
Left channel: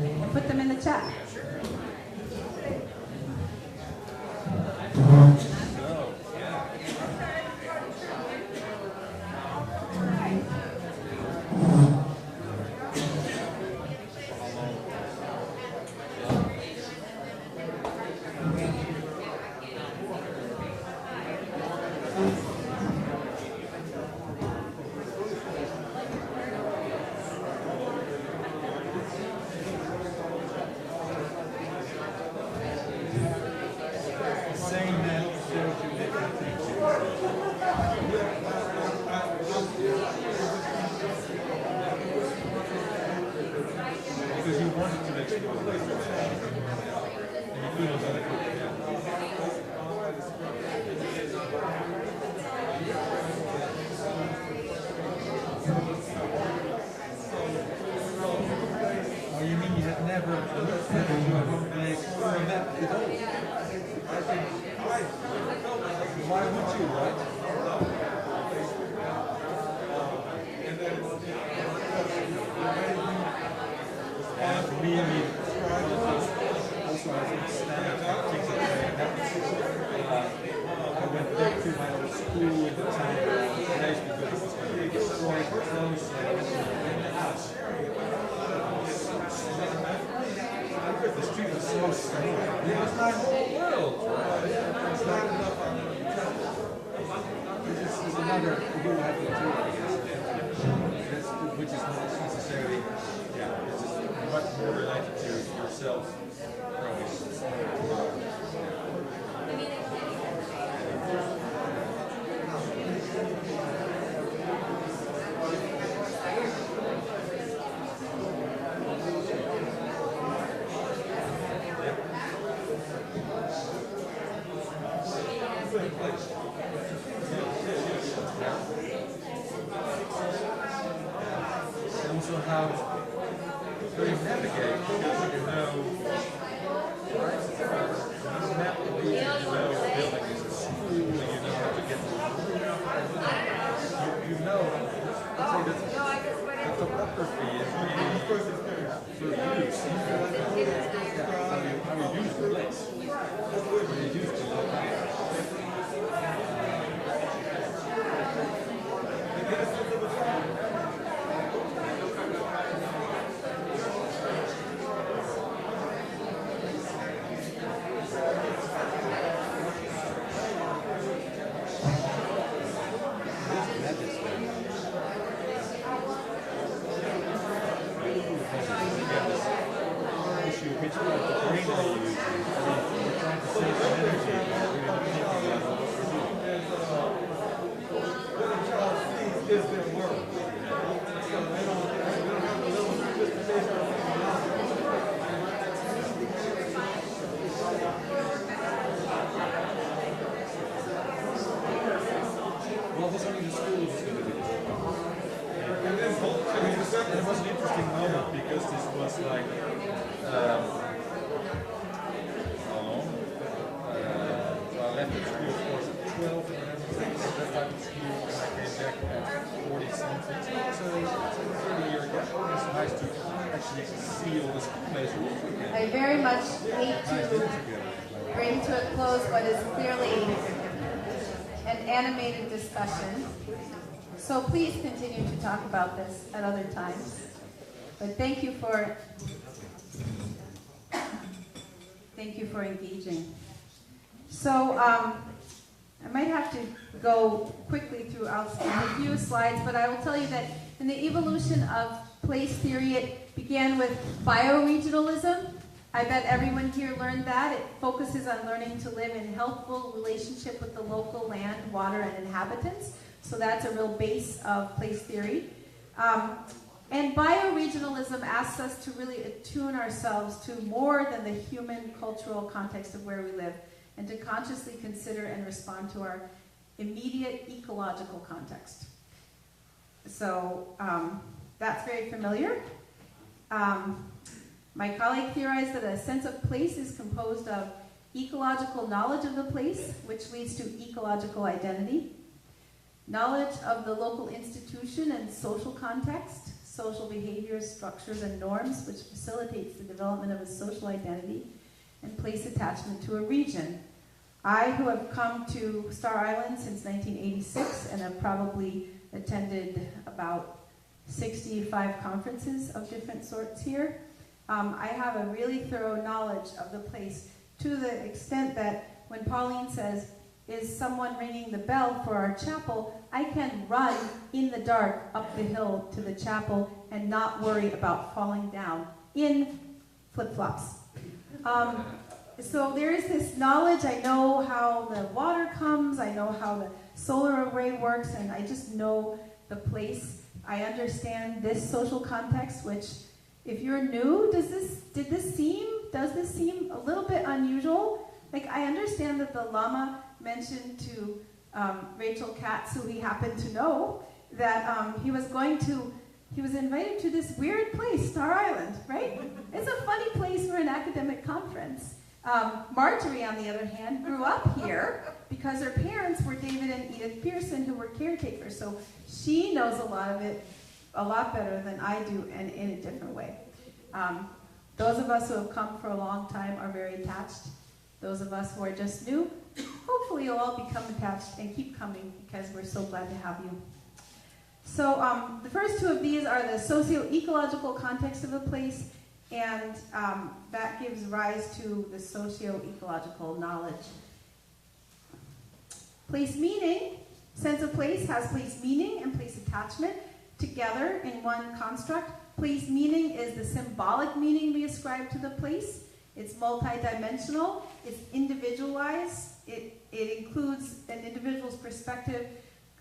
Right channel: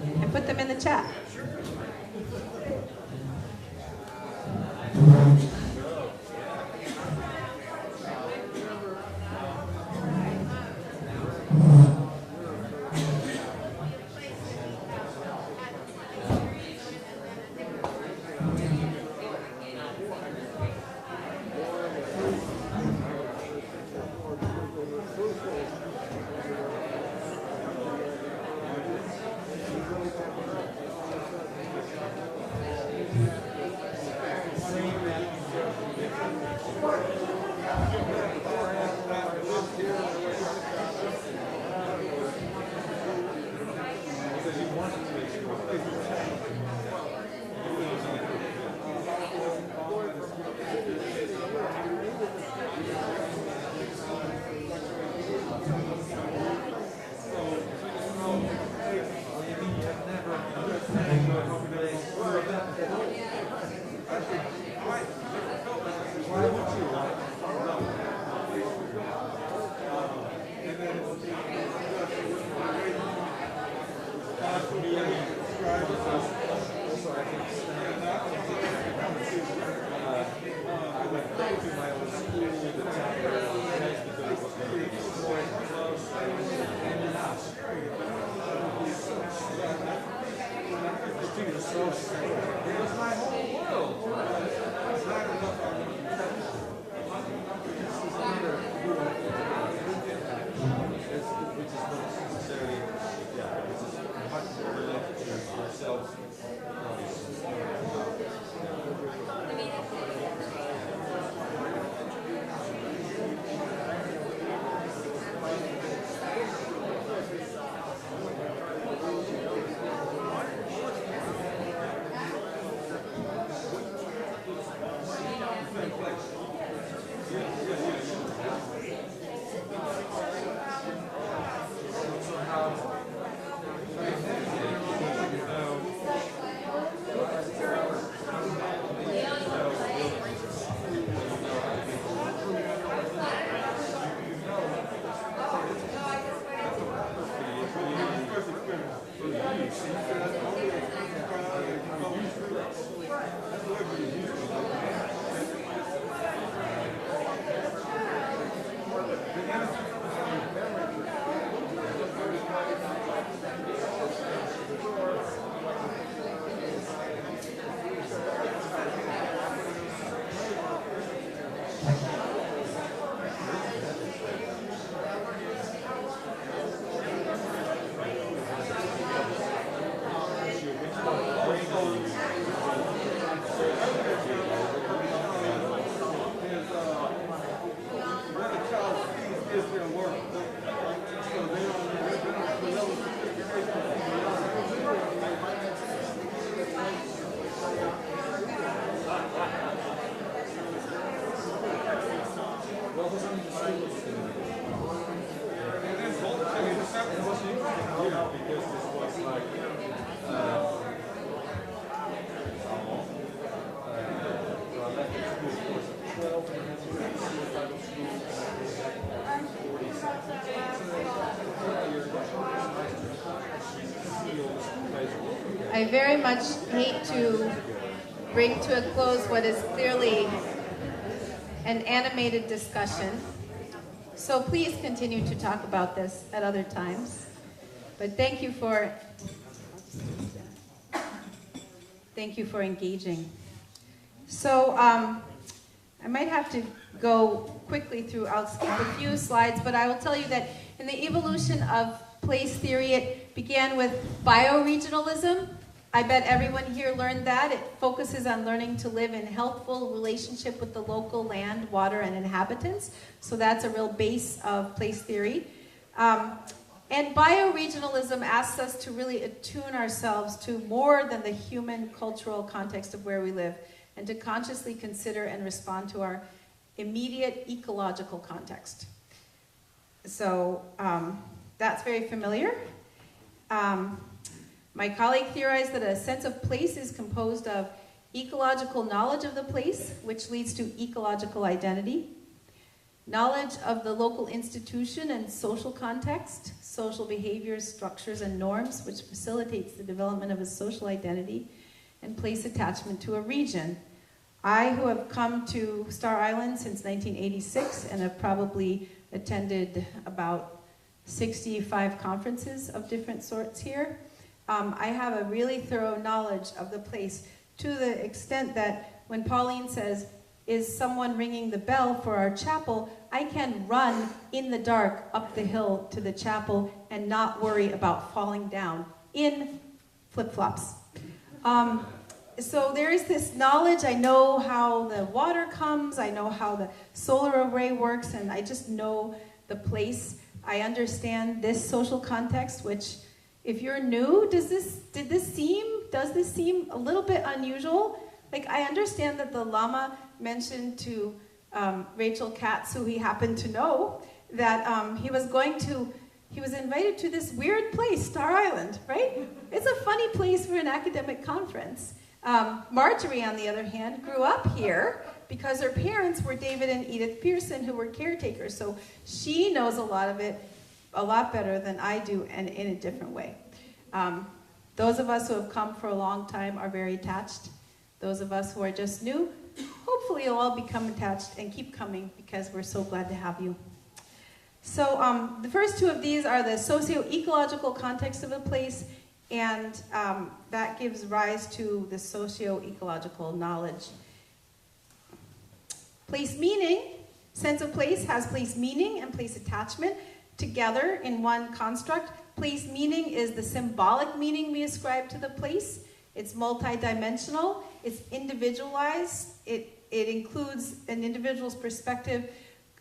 and put them in the chat. Also how they navigate, because you know, well, this only the school of it was an interesting moment because this was like how long? So I left the school was 12 and then I left out the school back 40 something. So you're it's nice to actually see all this place. I very much hate to bring to a close what is clearly an animated discussion. So please continue to talk about this at other times. But thank you for engaging. So I might have to go quickly through a few slides, but I will tell you that in the evolution of place theory, it began with bioregionalism. I bet everyone here learned that. It focuses on learning to live in healthful relationship with the local land, water, and inhabitants. So that's a real base of place theory. And bioregionalism asks us to really attune ourselves to more than the human cultural context of where we live, and to consciously consider and respond to our immediate ecological context. So that's very familiar. My colleague theorized that a sense of place is composed of ecological knowledge of the place, which leads to ecological identity, knowledge of the local institution and social context, social behaviors, structures, and norms, which facilitates the development of a social identity, and place attachment to a region. I, who have come to Star Island since 1986 and have probably attended about 65 conferences of different sorts here, I have a really thorough knowledge of the place, to the extent that when Pauline says, "Is someone ringing the bell for our chapel?" I can run in the dark up the hill to the chapel and not worry about falling down in flip-flops. So there is this knowledge. I know how the water comes, I know how the solar array works, and I just know the place. I understand this social context, which, if you're new, does this seem a little bit unusual? Like, I understand that the Lama mentioned to Rachel Katz, who he happened to know, that he was invited to this weird place, Star Island, right? It's a funny place for an academic conference. Marjorie, on the other hand, grew up here because her parents were David and Edith Pearson, who were caretakers, so she knows a lot of it a lot better than I do, and in a different way. Those of us who have come for a long time are very attached. Those of us who are just new, hopefully you'll all become attached and keep coming, because we're so glad to have you. So the first two of these are the socio-ecological context of a place, and that gives rise to the socio-ecological knowledge. Place meaning, sense of place has place meaning and place attachment together in one construct. Place meaning is the symbolic meaning we ascribe to the place. It's multidimensional, it's individualized, it includes an individual's perspective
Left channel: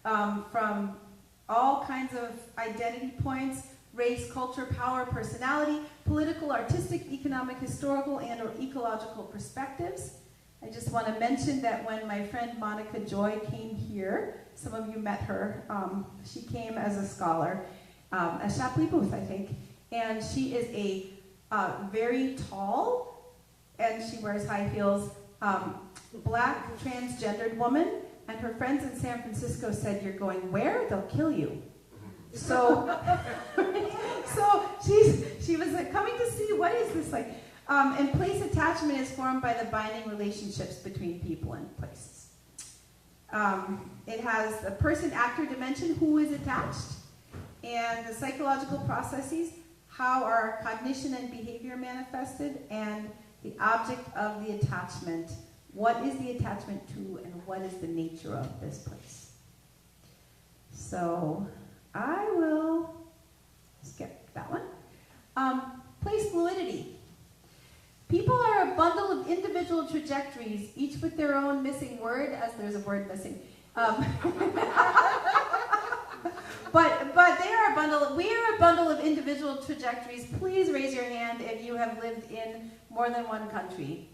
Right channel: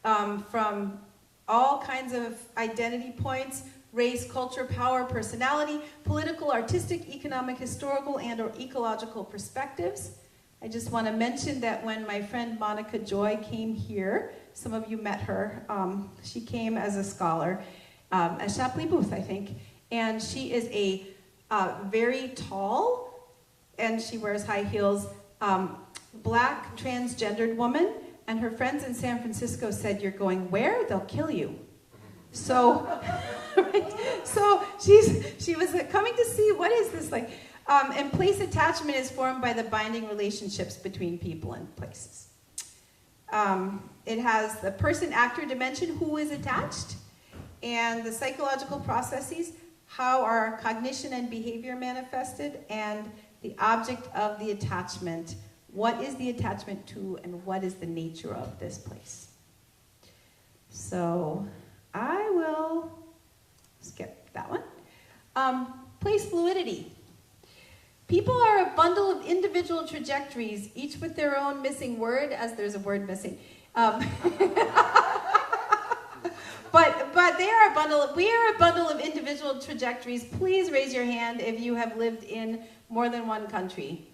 from all kinds of identity points: race, culture, power, personality, political, artistic, economic, historical, and/or ecological perspectives. I just want to mention that when my friend Monica Joy came here, some of you met her, she came as a scholar at Shapley Booth, I think, and she is a very tall, and she wears high heels, black transgendered woman, and her friends in San Francisco said, "You're going where? They'll kill you." So, so she was like, coming to see what is this like. And place attachment is formed by the binding relationships between people and places. It has the person-actor dimension, who is attached, and the psychological processes, how are cognition and behavior manifested, and the object of the attachment. What is the attachment to, and what is the nature of this place? So I will skip that one. Place fluidity. People are a bundle of individual trajectories, each with their own missing word, as there's a word missing. But they are a bundle of, we are a bundle of individual trajectories. Please raise your hand if you have lived in more than one country.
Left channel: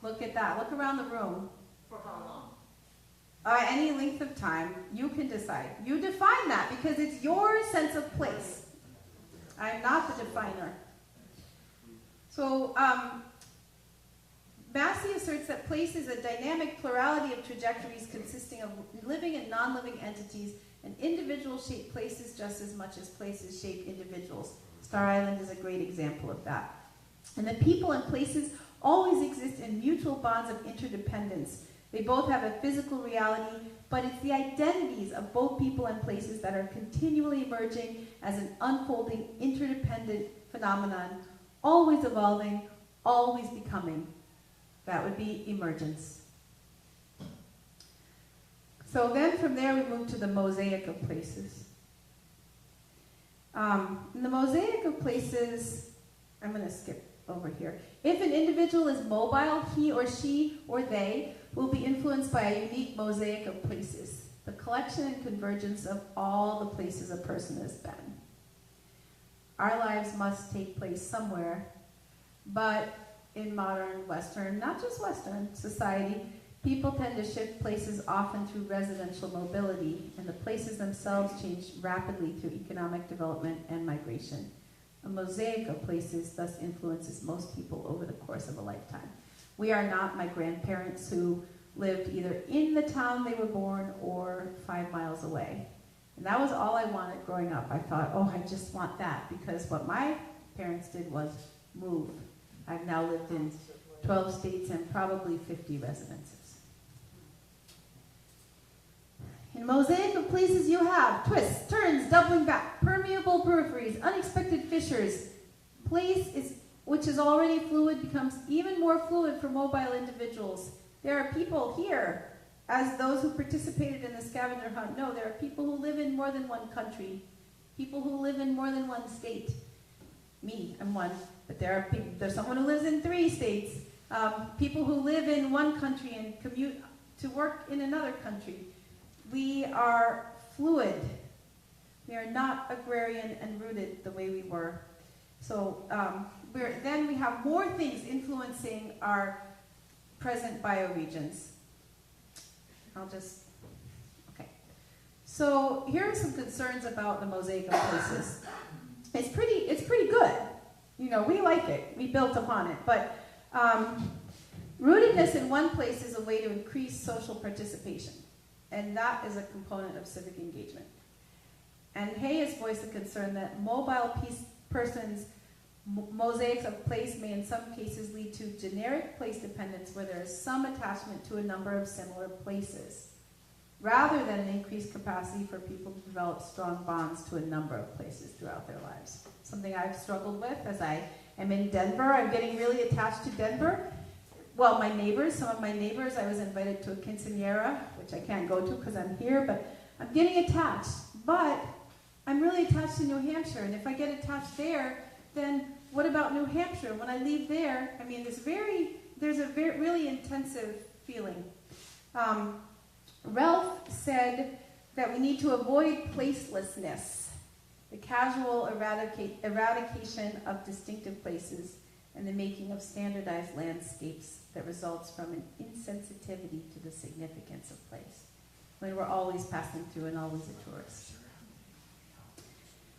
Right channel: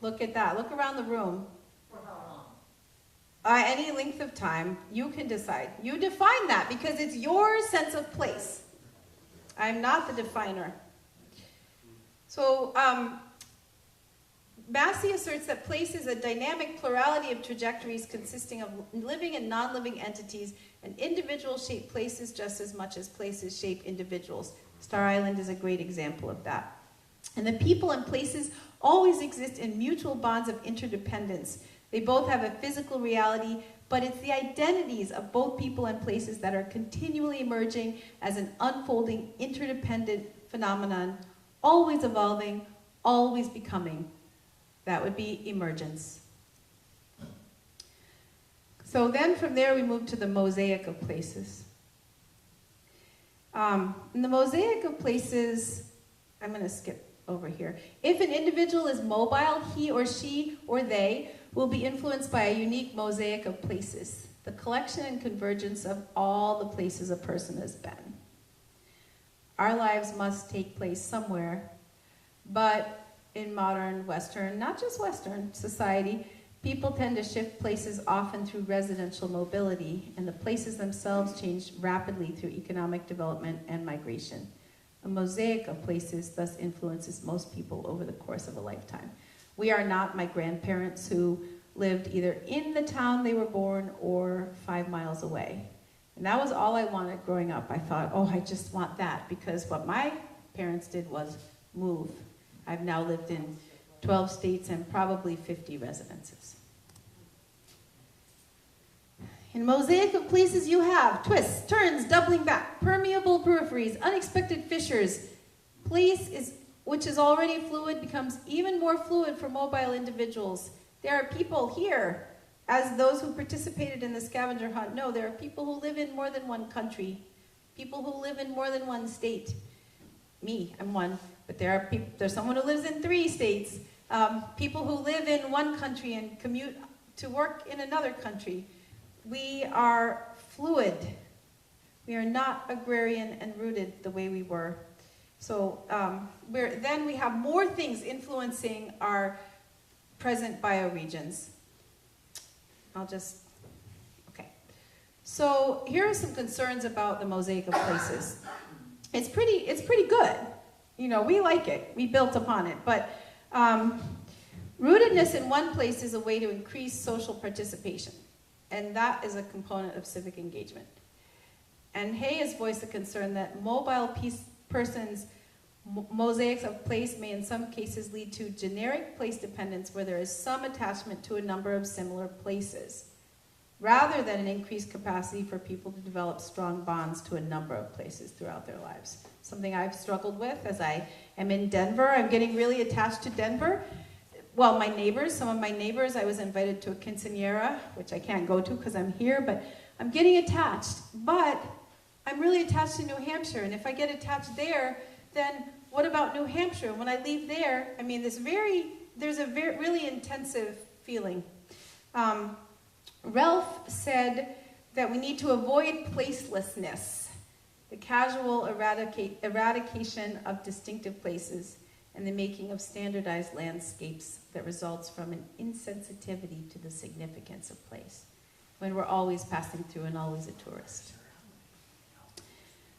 Look at that. Look around the room. For how long? Any length of time. You can decide. You define that because it's your sense of place. I'm not the definer. So, Massey asserts that place is a dynamic plurality of trajectories consisting of living and non-living entities, and individuals shape places just as much as places shape individuals. Star Island is a great example of that. And the people and places always exist in mutual bonds of interdependence. They both have a physical reality, but it's the identities of both people and places that are continually emerging as an unfolding, interdependent phenomenon, always evolving, always becoming. That would be emergence. So then from there we move to the mosaic of places. In the mosaic of places, I'm going to skip over here. If an individual is mobile, he or she or they will be influenced by a unique mosaic of places, the collection and convergence of all the places a person has been. Our lives must take place somewhere, but in modern Western, not just Western society, people tend to shift places often through residential mobility, and the places themselves change rapidly through economic development and migration. A mosaic of places thus influences most people over the course of a lifetime. We are not my grandparents who lived either in the town they were born or 5 miles away. And that was all I wanted growing up. I thought, oh, I just want that, because what my parents did was move. I've now lived in 12 states and probably 50 residences. In mosaic of places you have twists, turns, doubling back, permeable peripheries, unexpected fissures. Place is, which is already fluid, becomes even more fluid for mobile individuals. There are people here, as those who participated in the scavenger hunt know, there are people who live in more than one country, people who live in more than one state. Me, I'm one, but there are people, there's someone who lives in 3 states, people who live in one country and commute to work in another country. We are fluid. We are not agrarian and rooted the way we were. So then we have more things influencing our present bioregions. Okay. So here are some concerns about the mosaic of places. It's pretty good. You know, we like it. We built upon it. But rootedness in one place is a way to increase social participation. And that is a component of civic engagement. And Hay has voiced the concern that mobile persons' mosaics of place may in some cases lead to generic place dependence where there is some attachment to a number of similar places, rather than an increased capacity for people to develop strong bonds to a number of places throughout their lives. Something I've struggled with as I am in Denver. I'm getting really attached to Denver. Well, my neighbors, some of my neighbors, I was invited to a quinceañera, which I can't go to because I'm here, but I'm getting attached. But I'm really attached to New Hampshire, and if I get attached there, then what about New Hampshire? When I leave there, I mean, there's a really intensive feeling. Ralph said that we need to avoid placelessness, the casual eradication of distinctive places, and the making of standardized landscapes that results from an insensitivity to the significance of place, when we're always passing through and always a tourist.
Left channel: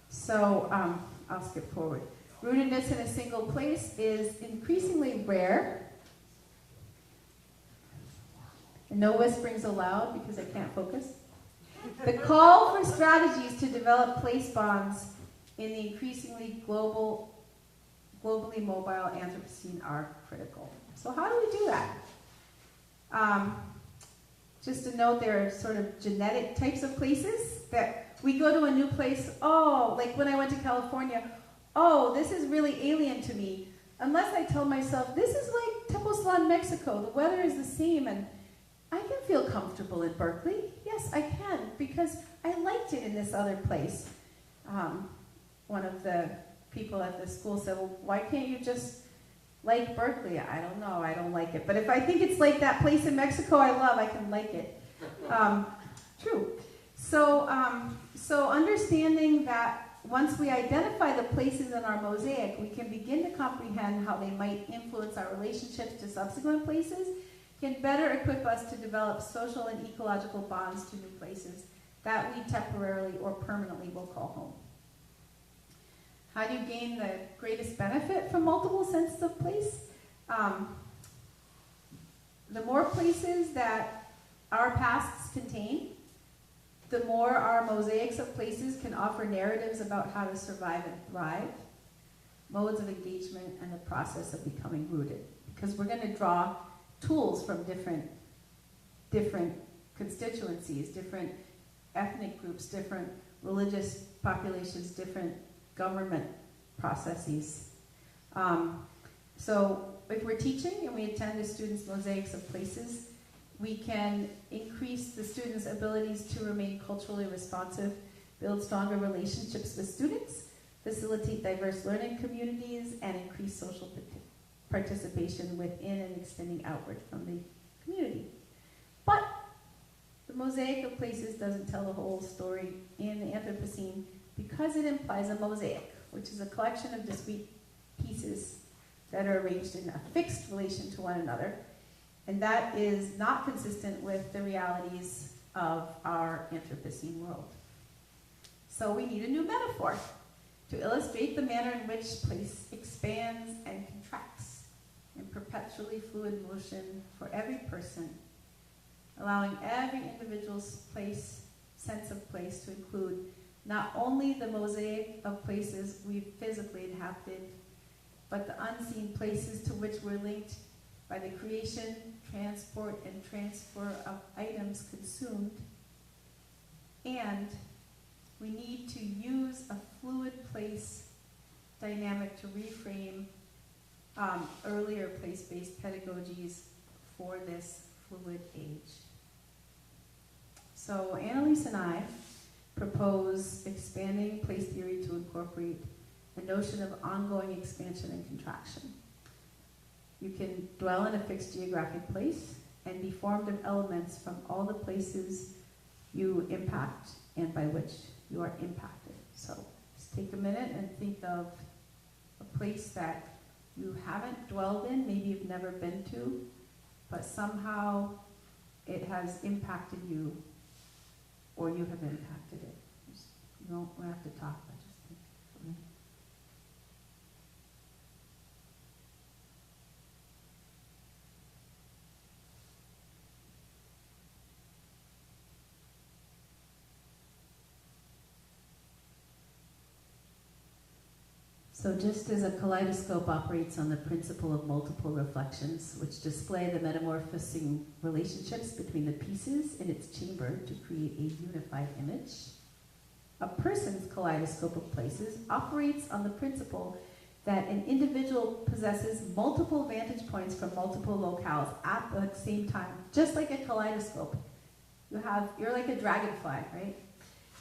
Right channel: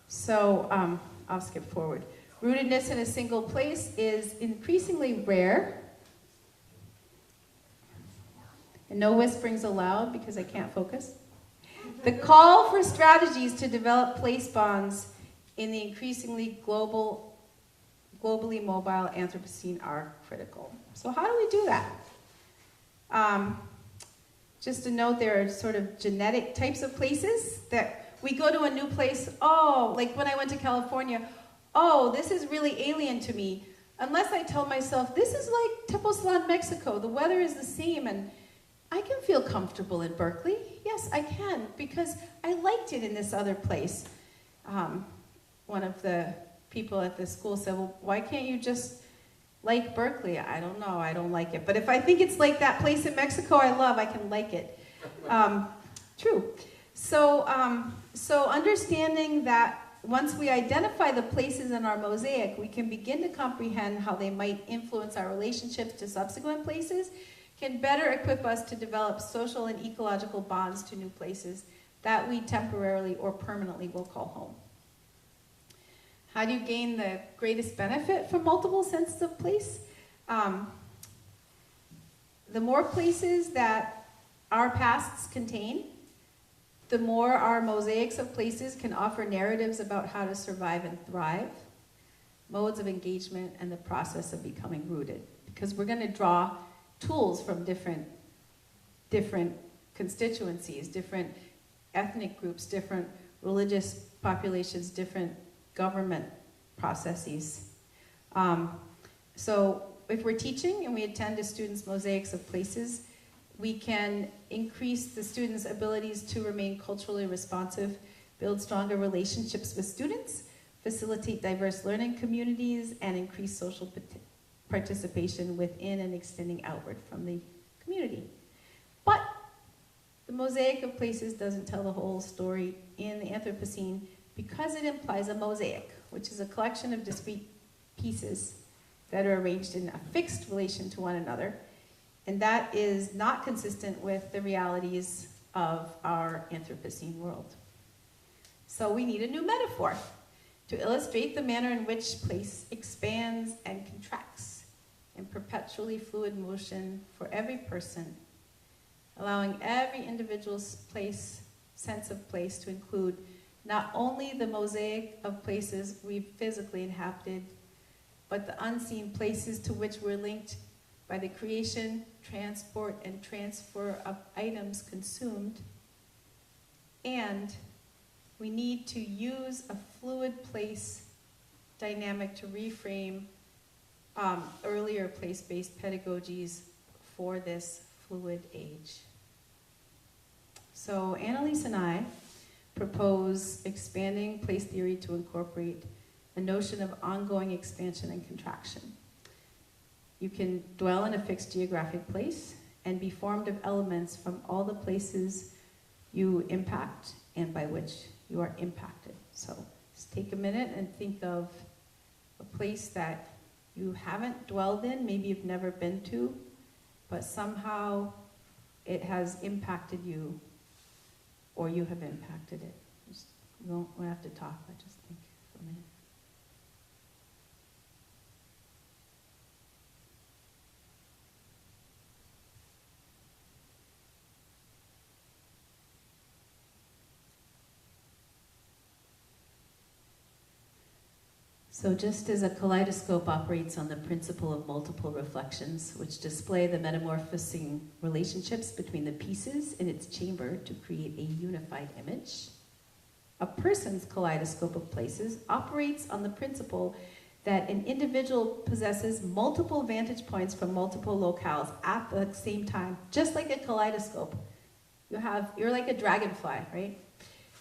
So I'll skip forward. Rootedness in a single place is increasingly rare. And no whisperings allowed because I can't focus. The call for strategies to develop place bonds in the increasingly globally mobile Anthropocene are critical. So how do we do that? Just a note, there are sort of genetic types of places that we go to a new place, oh, like when I went to California, oh, this is really alien to me. Unless I tell myself, this is like Tepoztlan, Mexico, the weather is the same, and I can feel comfortable in Berkeley. Yes, I can, because I liked it in this other place. One of the people at the school said, well, why can't you just like Berkeley? I don't know, I don't like it. But if I think it's like that place in Mexico I love, I can like it. True. So understanding that once we identify the places in our mosaic, we can begin to comprehend how they might influence our relationships to subsequent places, can better equip us to develop social and ecological bonds to new places that we temporarily or permanently will call home. How do you gain the greatest benefit from multiple senses of place? The more places that our pasts contain, the more our mosaics of places can offer narratives about how to survive and thrive, modes of engagement, and the process of becoming rooted. Because we're going to draw tools from different constituencies, different ethnic groups, different religious populations, different government processes. So if we're teaching and we attend to students' mosaics of places, we can increase the students' abilities to remain culturally responsive, build stronger relationships with students, facilitate diverse learning communities, and increase social participation within and extending outward from the community. But the mosaic of places doesn't tell the whole story in the Anthropocene because it implies a mosaic, which is a collection of discrete pieces that are arranged in a fixed relation to one another. And that is not consistent with the realities of our Anthropocene world. So we need a new metaphor to illustrate the manner in which place expands and contracts in perpetually fluid motion for every person, allowing every individual's sense of place to include not only the mosaic of places we've physically inhabited, but the unseen places to which we're linked by the creation, transport, and transfer of items consumed. And we need to use a fluid place dynamic to reframe earlier place-based pedagogies for this fluid age. So Annalise and I propose expanding place theory to incorporate a notion of ongoing expansion and contraction. You can dwell in a fixed geographic place and be formed of elements from all the places you impact and by which you are impacted. So just take a minute and think of a place that you haven't dwelled in, maybe you've never been to, but somehow it has impacted you or you have impacted it. You don't have to talk, but just think for me. So just as a kaleidoscope operates on the principle of multiple reflections, which display the metamorphosing relationships between the pieces in its chamber to create a unified image, a person's kaleidoscope of places operates on the principle that an individual possesses multiple vantage points from multiple locales at the same time, just like a kaleidoscope. You're like a dragonfly, right?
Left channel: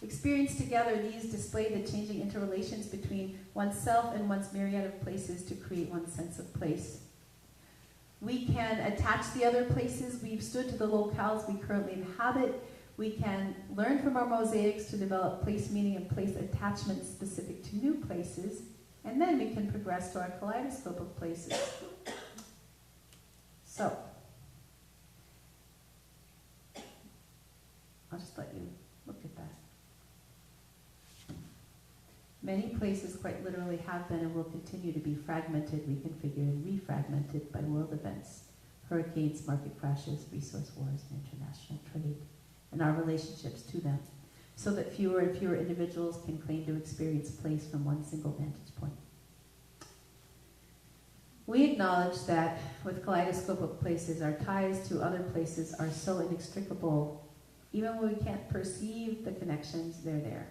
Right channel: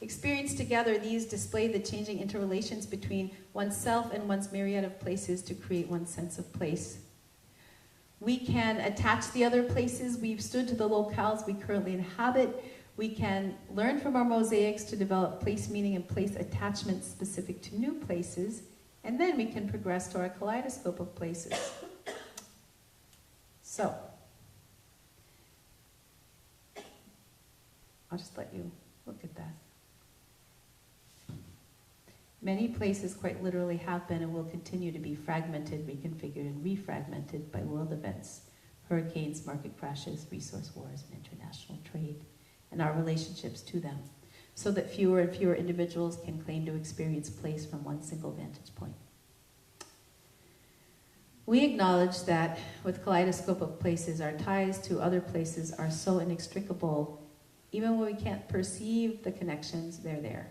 Experienced together, these display the changing interrelations between oneself and one's myriad of places to create one's sense of place. We can attach the other places we've stood to the locales we currently inhabit. We can learn from our mosaics to develop place meaning and place attachment specific to new places, and then we can progress to our kaleidoscope of places. So, I'll just let you look at that. Many places quite literally have been and will continue to be fragmented, reconfigured, and refragmented by world events, hurricanes, market crashes, resource wars, and international trade, and our relationships to them, so that fewer and fewer individuals can claim to experience place from one single vantage point. We acknowledge that with kaleidoscope of places, our ties to other places are so inextricable, even when we can't perceive the connections, they're there,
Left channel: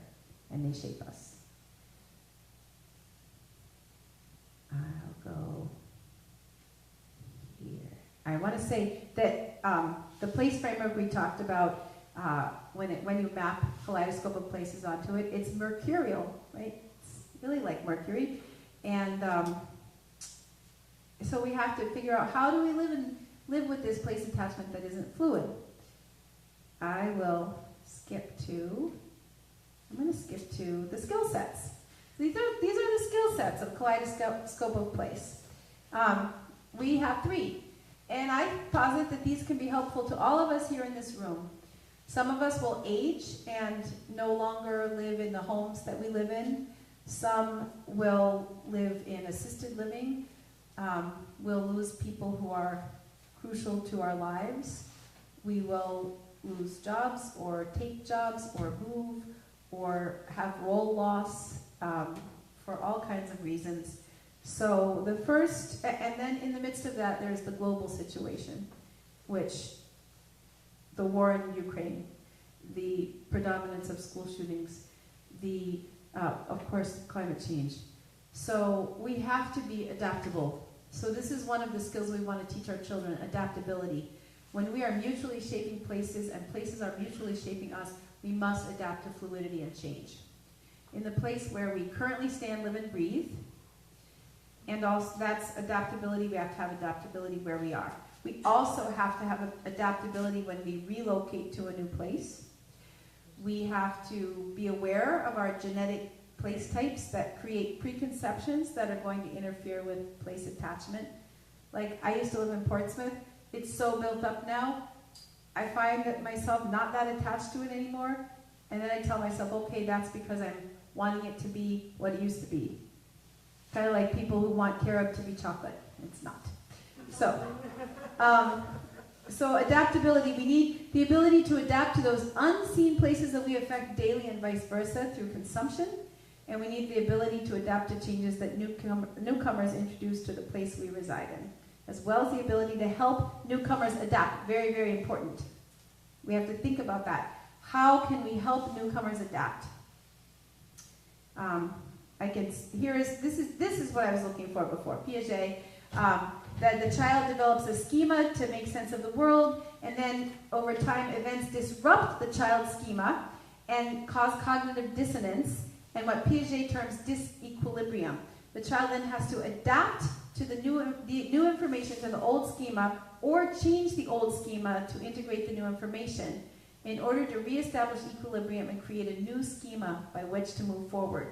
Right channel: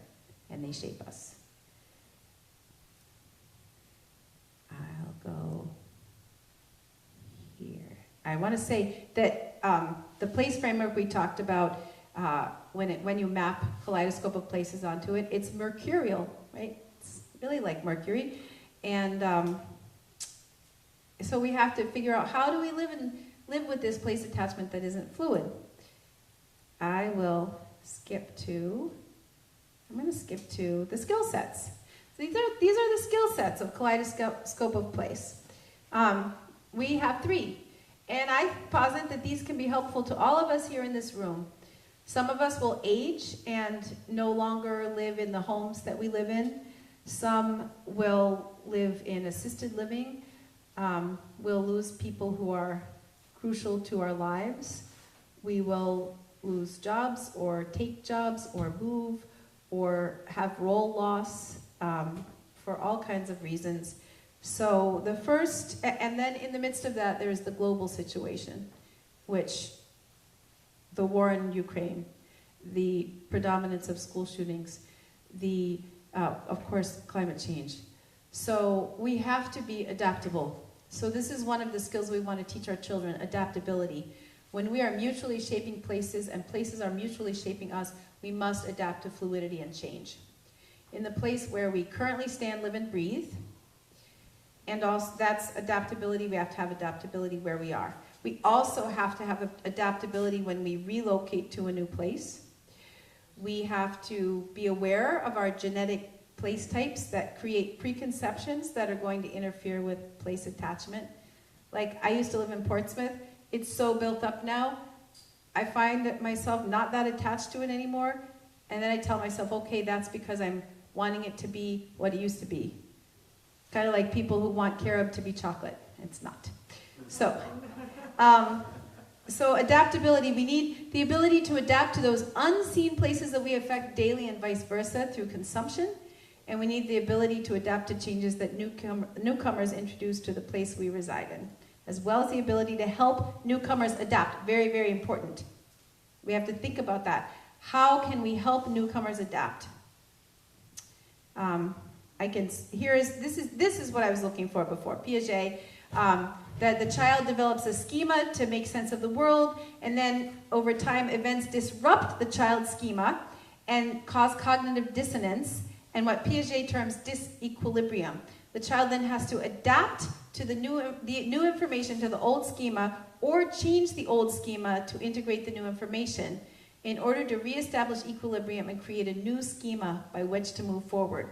and they shape us. I'll go here. I want to say that the place framework we talked about, when you map kaleidoscope of places onto it, it's mercurial, right? It's really like Mercury. And so we have to figure out, how do we live with this place attachment that isn't fluid? I will skip to, I'm going to skip to the skill sets. These are the skill sets of kaleidoscope of place. We have 3. And I posit that these can be helpful to all of us here in this room. Some of us will age and no longer live in the homes that we live in. Some will live in assisted living. We'll lose people who are crucial to our lives. We will lose jobs or take jobs or move or have role loss for all kinds of reasons. So the first, and then in the midst of that, there's the global situation, which the war in Ukraine, the predominance of school shootings, the, of course, climate change. So we have to be adaptable. So this is one of the skills we want to teach our children, adaptability. When we are mutually shaping places and places are mutually shaping us, we must adapt to fluidity and change. In the place where we currently stand, live, and breathe, and also that's adaptability, we have to have adaptability where we are. We also have to have adaptability when we relocate to a new place. We have to be aware of our genetic place types that create preconceptions that are going to interfere with place attachment. Like, I used to live in Portsmouth. It's so built up now, I find myself not that attached to it anymore. And then I tell myself, okay, that's because I'm wanting it to be what it used to be. Kind of like people who want carob to be chocolate. It's not. So, so adaptability, we need the ability to adapt to those unseen places that we affect daily and vice versa through consumption. And we need the ability to adapt to changes that newcomers introduce to the place we reside in, as well as the ability to help newcomers adapt. Very, very important. We have to think about that. How can we help newcomers adapt? This is what I was looking for before. Piaget, that the child develops a schema to make sense of the world, and then over time events disrupt the child's schema and cause cognitive dissonance, and what Piaget terms disequilibrium. The child then has to adapt to the new information to the old schema, or change the old schema to integrate the new information in order to reestablish equilibrium and create a new schema by which to move forward.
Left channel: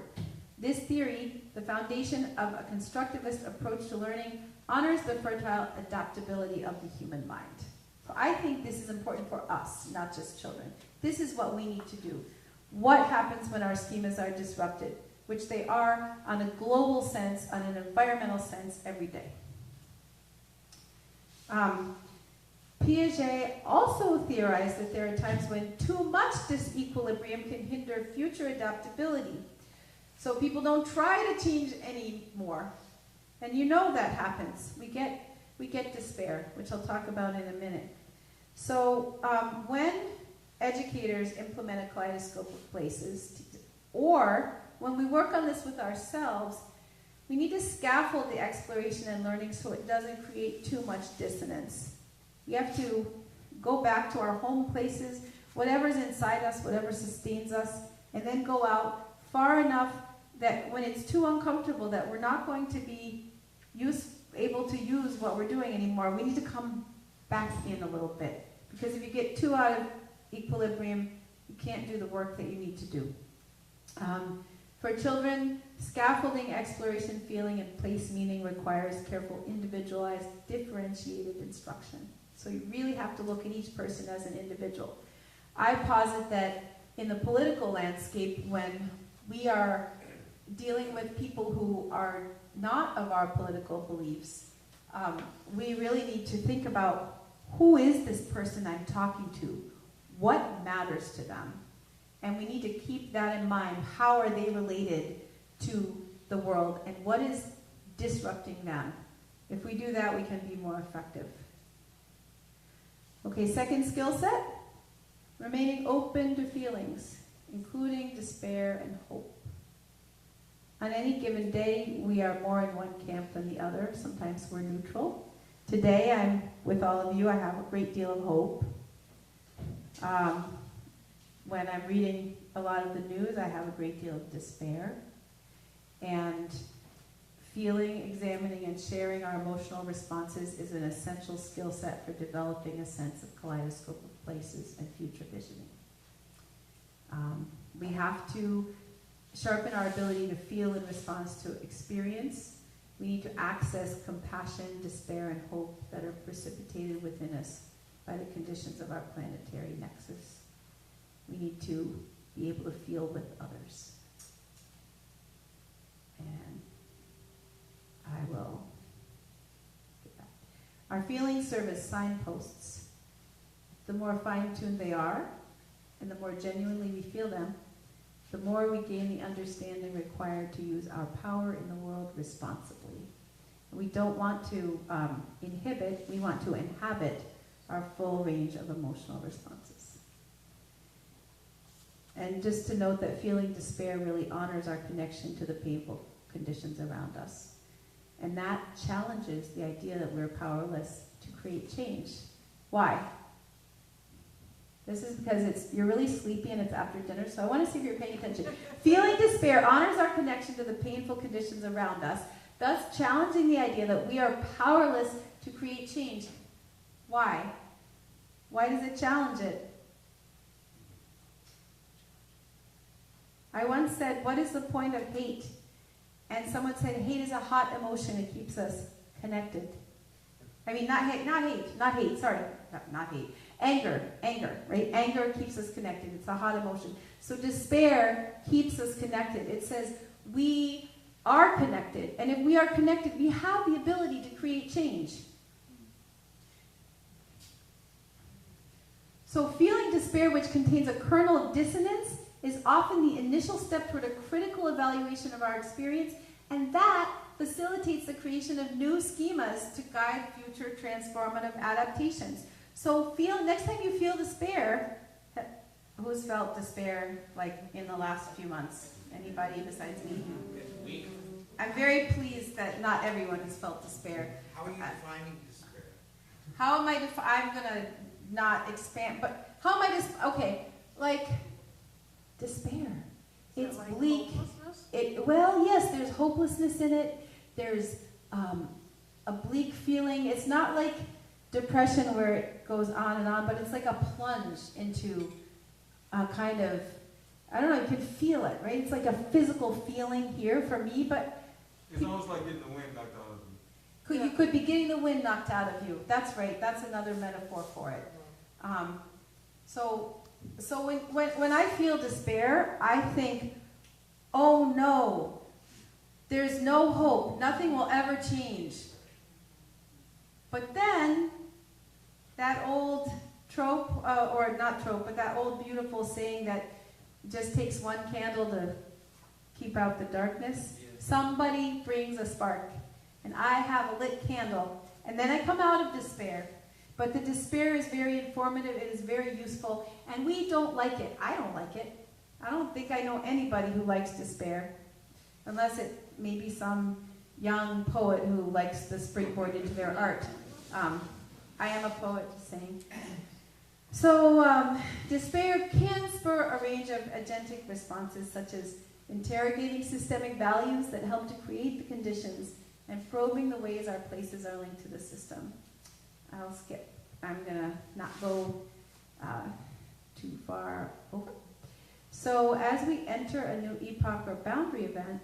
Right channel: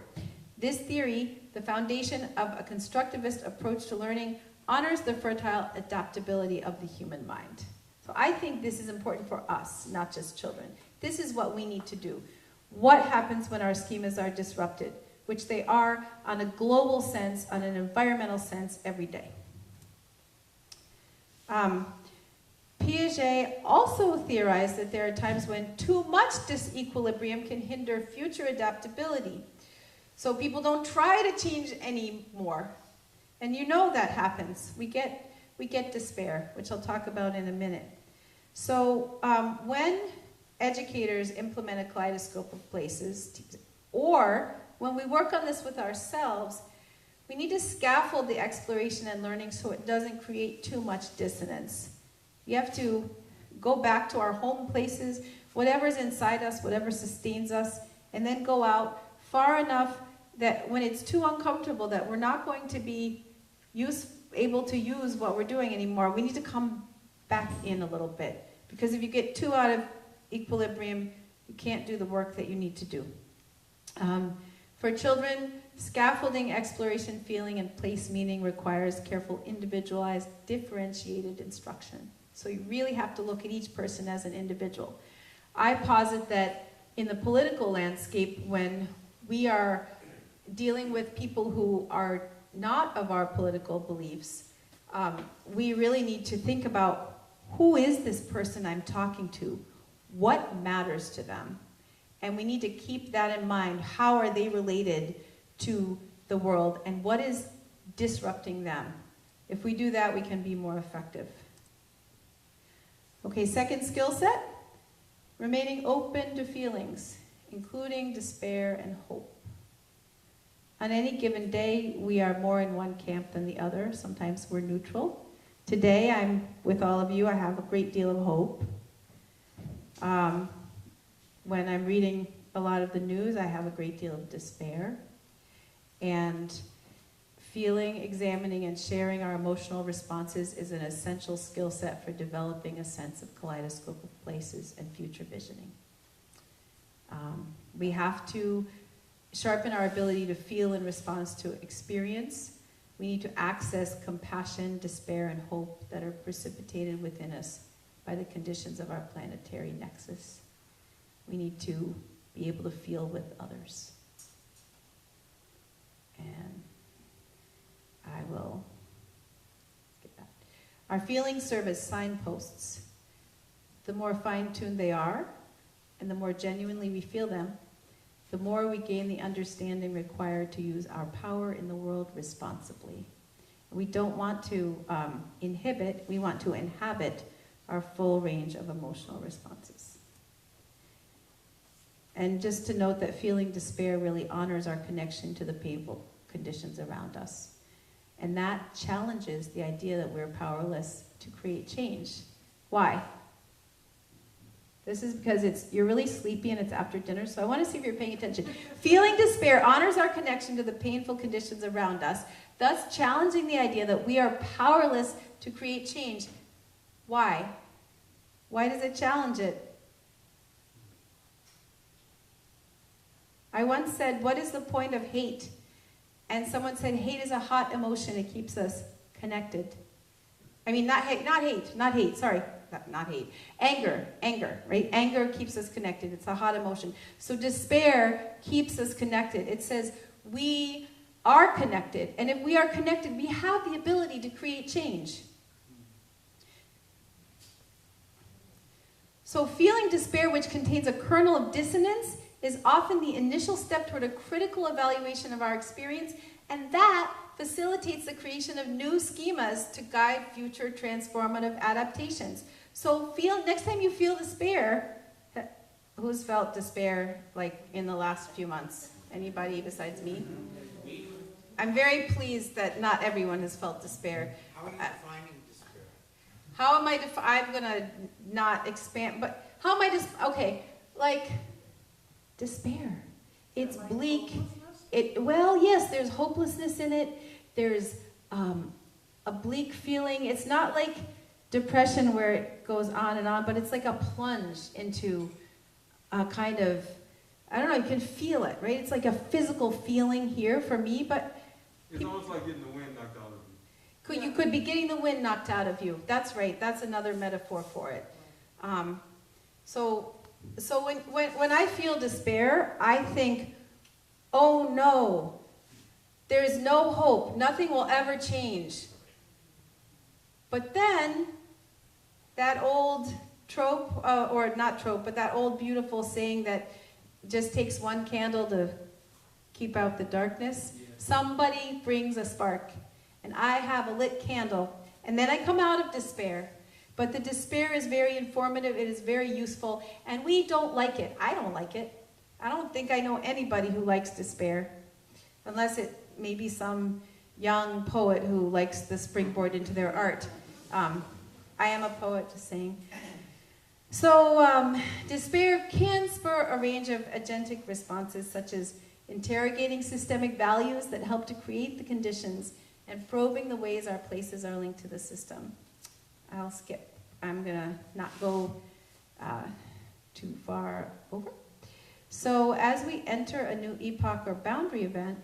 This theory, the foundation of a constructivist approach to learning, honors the fertile adaptability of the human mind. So I think this is important for us, not just children. This is what we need to do. What happens when our schemas are disrupted, which they are on a global sense, on an environmental sense, every day. Piaget also theorized that there are times when too much disequilibrium can hinder future adaptability. So people don't try to change anymore. And you know that happens. We get despair, which I'll talk about in a minute. So when educators implement a kaleidoscope of places, or when we work on this with ourselves, we need to scaffold the exploration and learning so it doesn't create too much dissonance. You have to go back to our home places, whatever's inside us, whatever sustains us, and then go out far enough that when it's too uncomfortable that we're not going to be able to use what we're doing anymore, we need to come back in a little bit. Because if you get too out of equilibrium, you can't do the work that you need to do. For children, scaffolding, exploration, feeling, and place meaning requires careful, individualized, differentiated instruction. So you really have to look at each person as an individual. I posit that in the political landscape, when we are dealing with people who are not of our political beliefs, we really need to think about, who is this person I'm talking to? What matters to them? And we need to keep that in mind. How are they related to the world, and what is disrupting them? If we do that, we can be more effective. Okay, second skill set, remaining open to feelings, including despair and hope. On any given day, we are more in one camp than the other. Sometimes we're neutral. Today, I'm with all of you. I have a great deal of hope. When I'm reading a lot of the news, I have a great deal of despair. And feeling, examining, and sharing our emotional responses is an essential skill set for developing a sense of kaleidoscope of places and future visioning. We have to sharpen our ability to feel in response to experience. We need to access compassion, despair, and hope that are precipitated within us by the conditions of our planetary nexus. We need to be able to feel with others. And I will get that. Our feelings serve as signposts. The more fine-tuned they are, and the more genuinely we feel them, the more we gain the understanding required to use our power in the world responsibly. We don't want to inhibit, we want to inhabit our full range of emotional responses. And just to note that feeling despair really honors our connection to the painful conditions around us. And that challenges the idea that we're powerless to create change. Why? This is because you're really sleepy and it's after dinner, so I want to see if you're paying attention. Feeling despair honors our connection to the painful conditions around us, thus challenging the idea that we are powerless to create change. Why? Why does it challenge it? I once said, what is the point of hate? And someone said, hate is a hot emotion. It keeps us connected. I mean, not hate, sorry. Not hate. Anger, right? Anger keeps us connected. It's a hot emotion. So despair keeps us connected. It says we are connected. And if we are connected, we have the ability to create change. So feeling despair, which contains a kernel of dissonance, is often the initial step toward a critical evaluation of our experience, and that facilitates the creation of new schemas to guide future transformative adaptations. So next time you feel despair, who's felt despair like in the last few months? Anybody besides me? I'm very pleased that not everyone has felt despair. How are you defining despair? How am I I'm gonna not expand, but how am I okay, like despair. It's like bleak. Well, yes, there's hopelessness in it. There's a bleak feeling. It's not like depression where it goes on and on, but it's like a plunge into a kind of, I don't know, you can feel it, right? It's like a physical feeling here for me, but it's almost like getting the wind knocked out of you. You could be getting the wind knocked out of you. That's right. That's another metaphor for it. So when I feel despair, I think, oh no, there is no hope. Nothing will ever change. But then, that old trope, or not trope, but that old beautiful saying that just takes one candle to keep out the darkness. Yeah. Somebody brings a spark, and I have a lit candle, and then I come out of despair. But the despair is very informative, it is very useful, and we don't like it. I don't like it. I don't think I know anybody who likes despair, unless it may be some young poet who likes the springboard into their art. I am a poet, just saying. So despair can spur a range of agentic responses, such as interrogating systemic values that help to create the conditions and probing the ways our places are linked to the system. I'll skip. I'm going to not go too far over. So as we enter a new epoch or boundary event,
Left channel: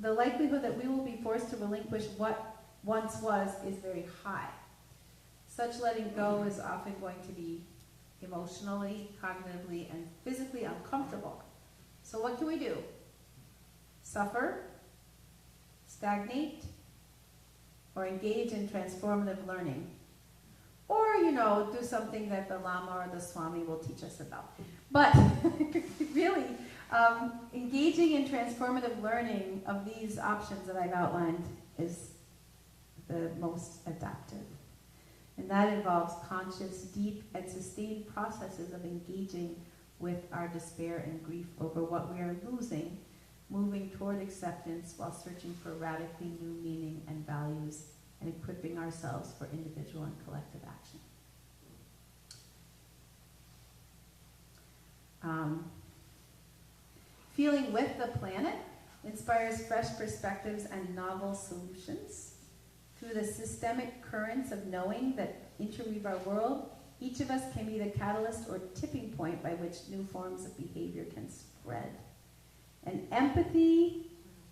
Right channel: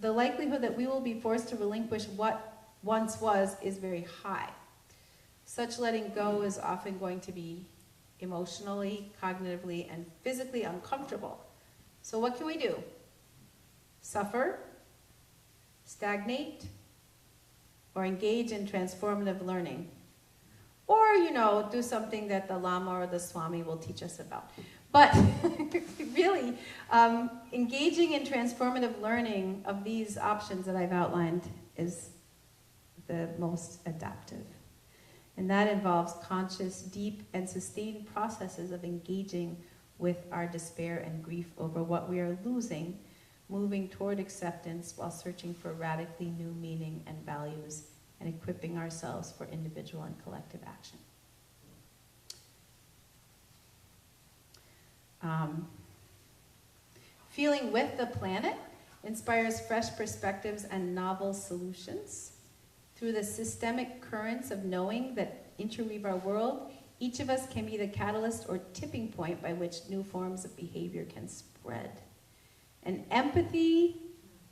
the likelihood that we will be forced to relinquish what once was is very high. Such letting go is often going to be emotionally, cognitively, and physically uncomfortable. So what can we do? Suffer, stagnate, or engage in transformative learning. Or, do something that the Lama or the Swami will teach us about. But really, engaging in transformative learning of these options that I've outlined is the most adaptive. And that involves conscious, deep, and sustained processes of engaging with our despair and grief over what we are losing, moving toward acceptance while searching for radically new meaning and values, and equipping ourselves for individual and collective action. Feeling with the planet inspires fresh perspectives and novel solutions. Through the systemic currents of knowing that interweave our world, each of us can be the catalyst or tipping point by which new forms of behavior can spread. And empathy,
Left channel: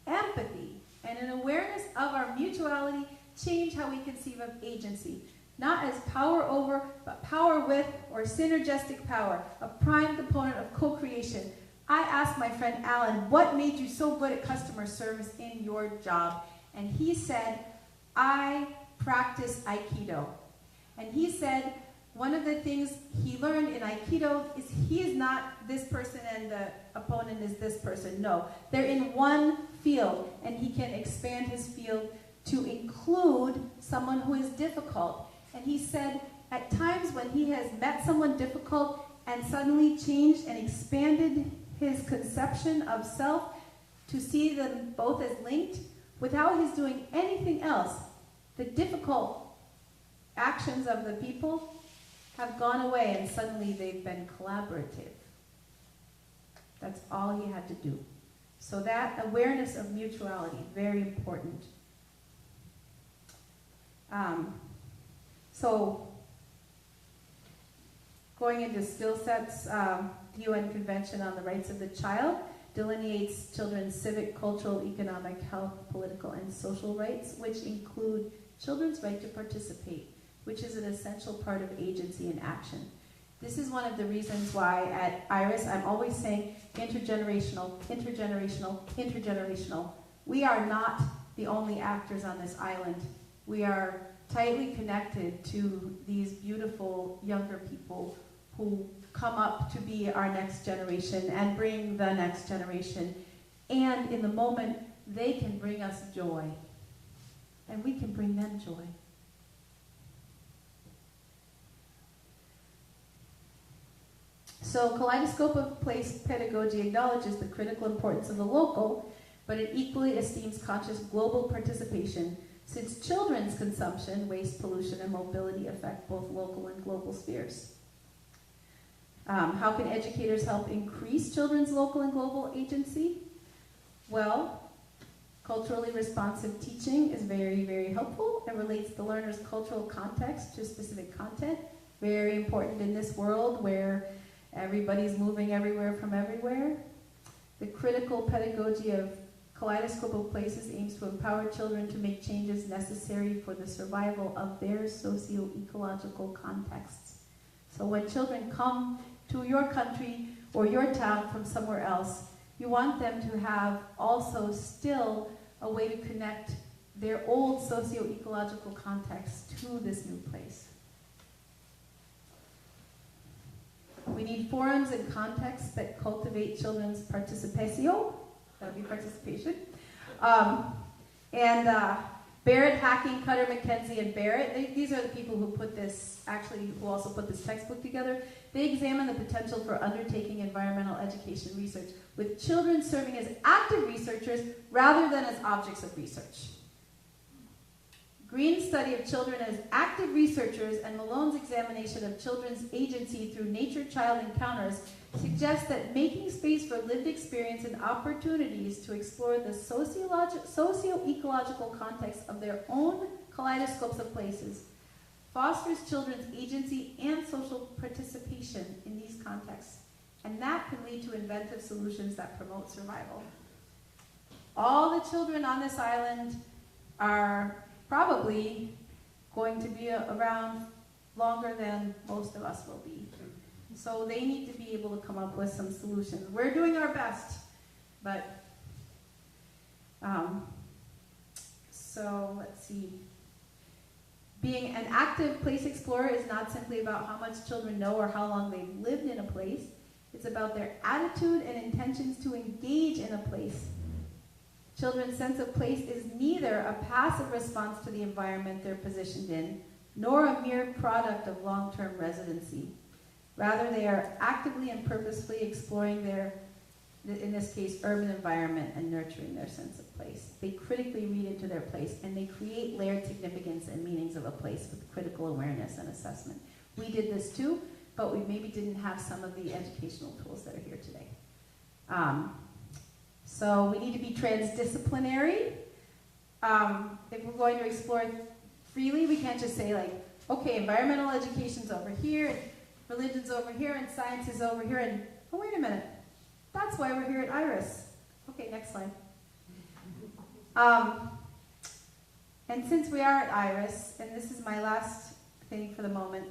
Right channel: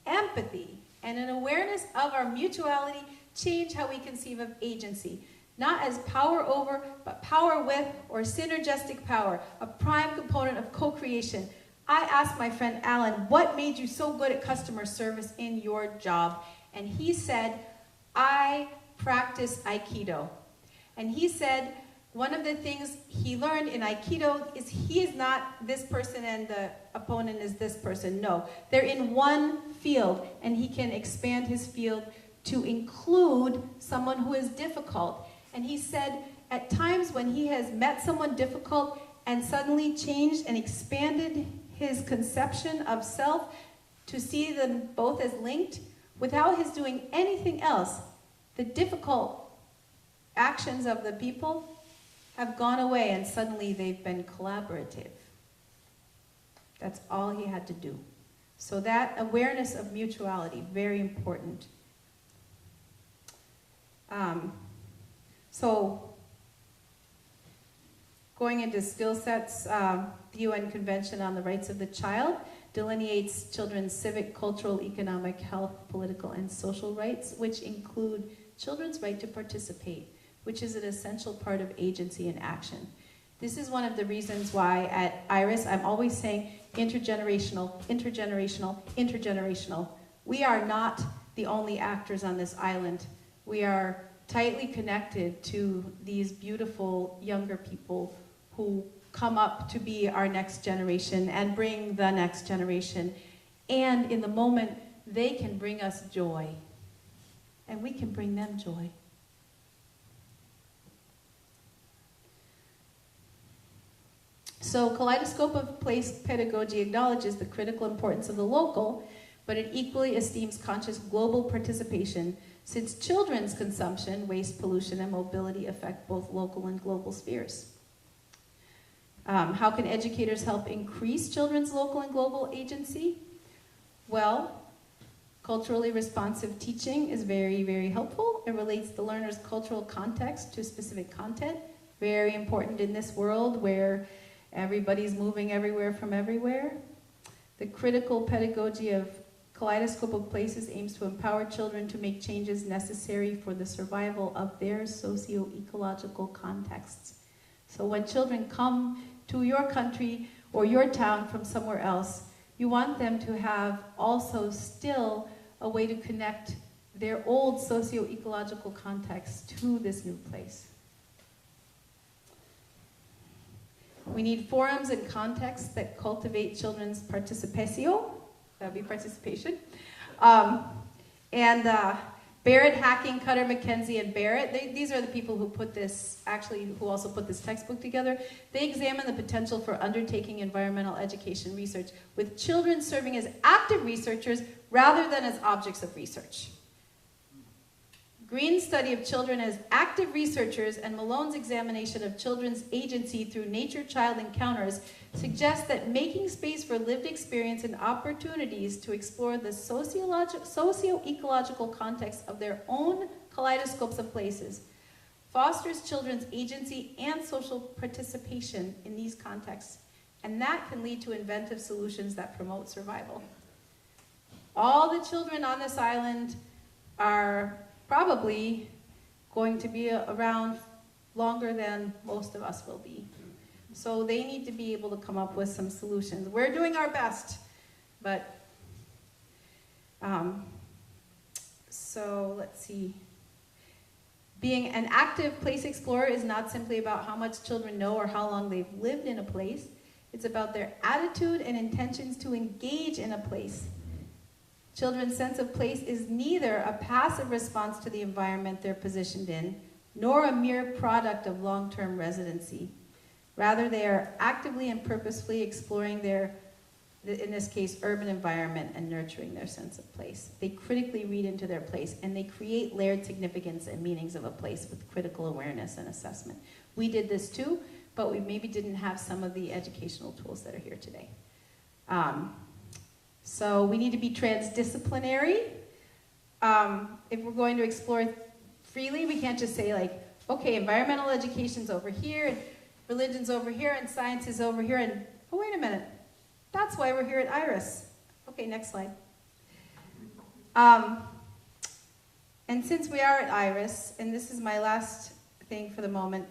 and an awareness of our mutuality change how we conceive of agency, not as power over, but power with, or synergistic power, a prime component of co-creation. I asked my friend Alan, what made you so good at customer service in your job? And he said, I practice Aikido. And he said, one of the things he learned in Aikido is he is not this person and the opponent is this person. No, they're in one field, and he can expand his field to include someone who is difficult. And he said, at times when he has met someone difficult and suddenly changed and expanded his conception of self to see them both as linked, without his doing anything else, the difficult actions of the people have gone away and suddenly they've been collaborative. That's all he had to do. So that awareness of mutuality, very important. So going into skill sets, the UN Convention on the Rights of the Child delineates children's civic, cultural, economic, health, political, and social rights, which include children's right to participate, which is an essential part of agency and action. This is one of the reasons why at IRAS I'm always saying intergenerational, intergenerational, intergenerational. We are not the only actors on this island. We are tightly connected to these beautiful younger people who come up to be our next generation and bring the next generation. And in the moment, they can bring us joy. And we can bring them joy. So kaleidoscope of place pedagogy acknowledges the critical importance of the local, but it equally esteems conscious global participation, since children's consumption, waste, pollution, and mobility affect both local and global spheres. How can educators help increase children's local and global agency? Well, culturally responsive teaching is very, very helpful. It relates the learner's cultural context to specific content. Very important in this world where everybody's moving everywhere from everywhere. The critical pedagogy of Kaleidoscope of Places aims to empower children to make changes necessary for the survival of their socio-ecological contexts. So when children come to your country or your town from somewhere else, you want them to have also still a way to connect their old socio-ecological context to this new place. We need forums and contexts that cultivate children's participatio. That would be participation. Barrett, Hacking, Cutter, McKenzie, and Barrett, these are the people who put this, actually, who also put this textbook together. They examine the potential for undertaking environmental education research with children serving as active researchers rather than as objects of research. Green's study of children as active researchers and Malone's examination of children's agency through nature-child encounters suggests that making space for lived experience and opportunities to explore the socio-ecological context of their own kaleidoscopes of places fosters children's agency and social participation in these contexts, and that can lead to inventive solutions that promote survival. All the children on this island are probably going to be around longer than most of us will be. So they need to be able to come up with some solutions. We're doing our best, but so let's see. Being an active place explorer is not simply about how much children know or how long they've lived in a place. It's about their attitude and intentions to engage in a place. Children's sense of place is neither a passive response to the environment they're positioned in, nor a mere product of long-term residency. Rather, they are actively and purposefully exploring their, in this case, urban environment and nurturing their sense of place. They critically read into their place, and they create layered significance and meanings of a place with critical awareness and assessment. We did this too, but we maybe didn't have some of the educational tools that are here today. So we need to be transdisciplinary. If we're going to explore freely, we can't just say like, okay, environmental education's over here, and religion's over here, and science is over here, and oh, wait a minute. That's why we're here at IRAS. Okay, next slide. And since we are at IRAS, and this is my last thing for the moment,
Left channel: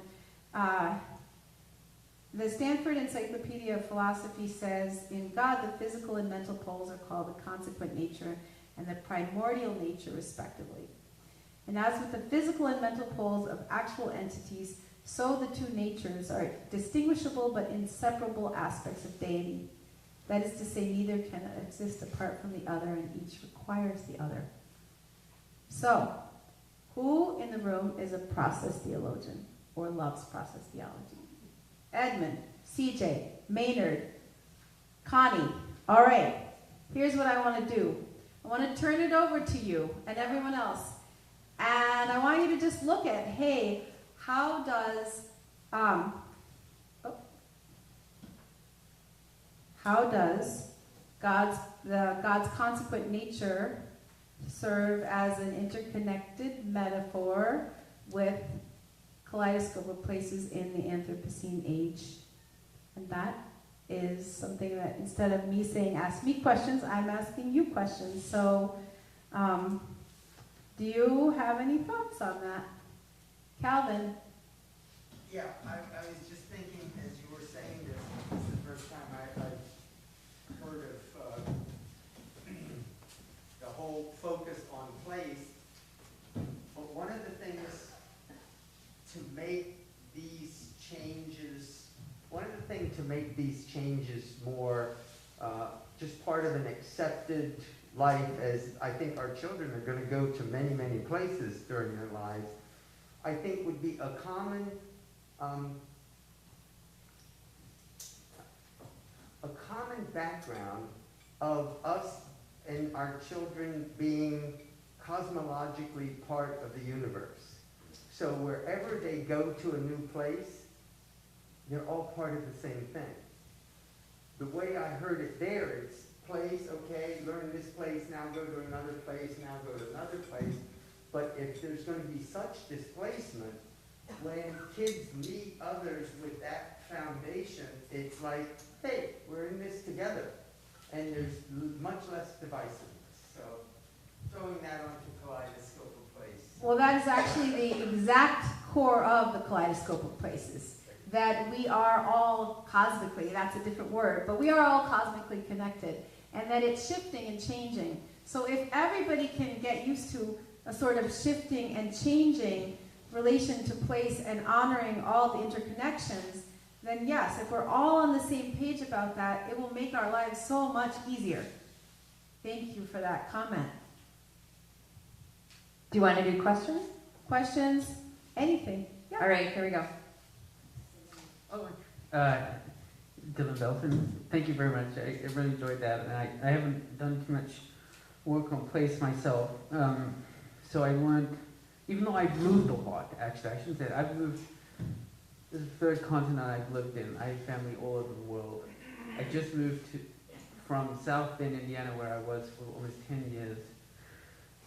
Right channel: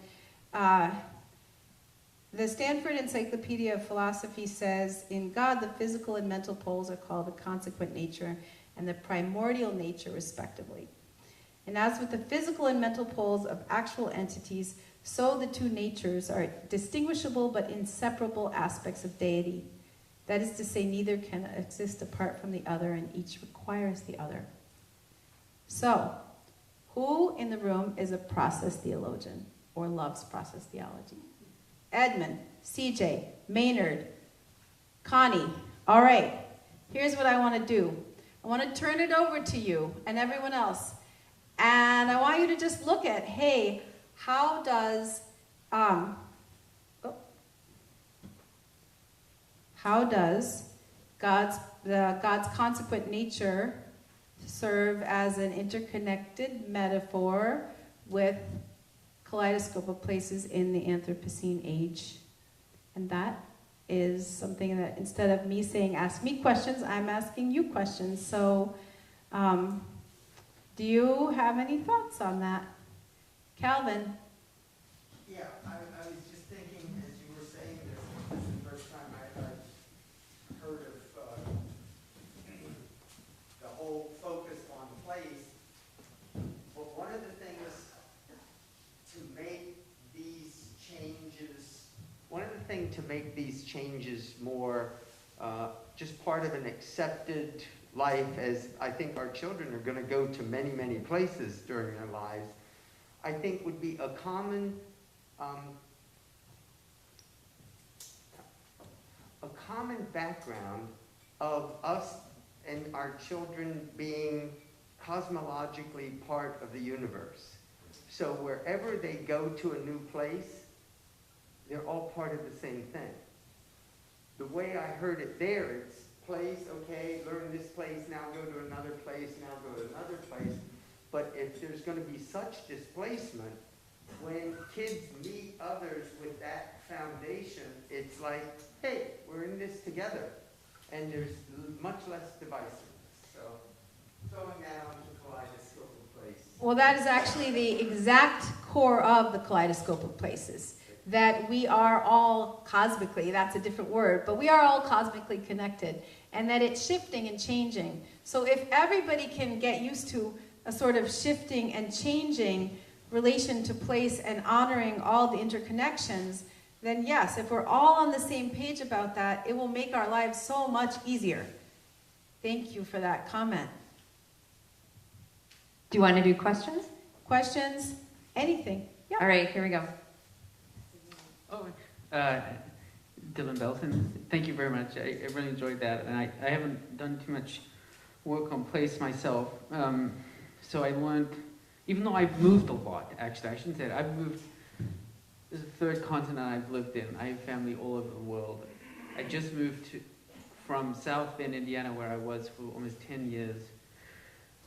the Stanford Encyclopedia of Philosophy says, in God, the physical and mental poles are called the consequent nature and the primordial nature, respectively. And as with the physical and mental poles of actual entities, so the two natures are distinguishable but inseparable aspects of deity. That is to say, neither can exist apart from the other, and each requires the other. So, who in the room is a process theologian or loves process theology? Edmund, CJ, Maynard, Connie. All right, here's what I want to do. I want to turn it over to you and everyone else. And I want you to just look at, hey, how does God's consequent nature serve as an interconnected metaphor with kaleidoscope of places in the Anthropocene age? And that is something that, instead of me saying, ask me questions, I'm asking you questions. So, do you have any thoughts on that? Calvin? Yeah, I was just thinking as you were saying this is the first time I've heard of the whole focus on place. But one of the things to make these changes, more just part of an accepted life, as I think our children are going to go to many, many places during their lives, I think would be a common background of us and our children being cosmologically part of the universe. So wherever they go to a new place, they're all part of the same thing. The way I heard it there, it's place, okay, learn this place, now go to another place, now go to another place. But if there's going to be such displacement, when kids meet others with that foundation, it's like, hey, we're in this together. And there's much less divisiveness. So throwing that onto kaleidoscope of place. Well, that is actually the exact core of the kaleidoscope of places. That we are all cosmically, that's a different word, but we are all cosmically connected. And that it's shifting and changing. So if everybody can get used to a sort of shifting and changing relation to place and honoring all the interconnections, then yes, if we're all on the same page about that, it will make our lives so much easier. Thank you for that comment. Do you want to do questions? Questions? Anything? Yeah. All right, here we go. Dylan Belton, thank you very much. I really enjoyed that, and I haven't done too much work on place myself. So I learned, even though I've moved a lot, actually, I shouldn't say that. I've moved, this is the third continent I've lived in. I have family all over the world. I just moved from South Bend, Indiana, where I was for almost 10 years,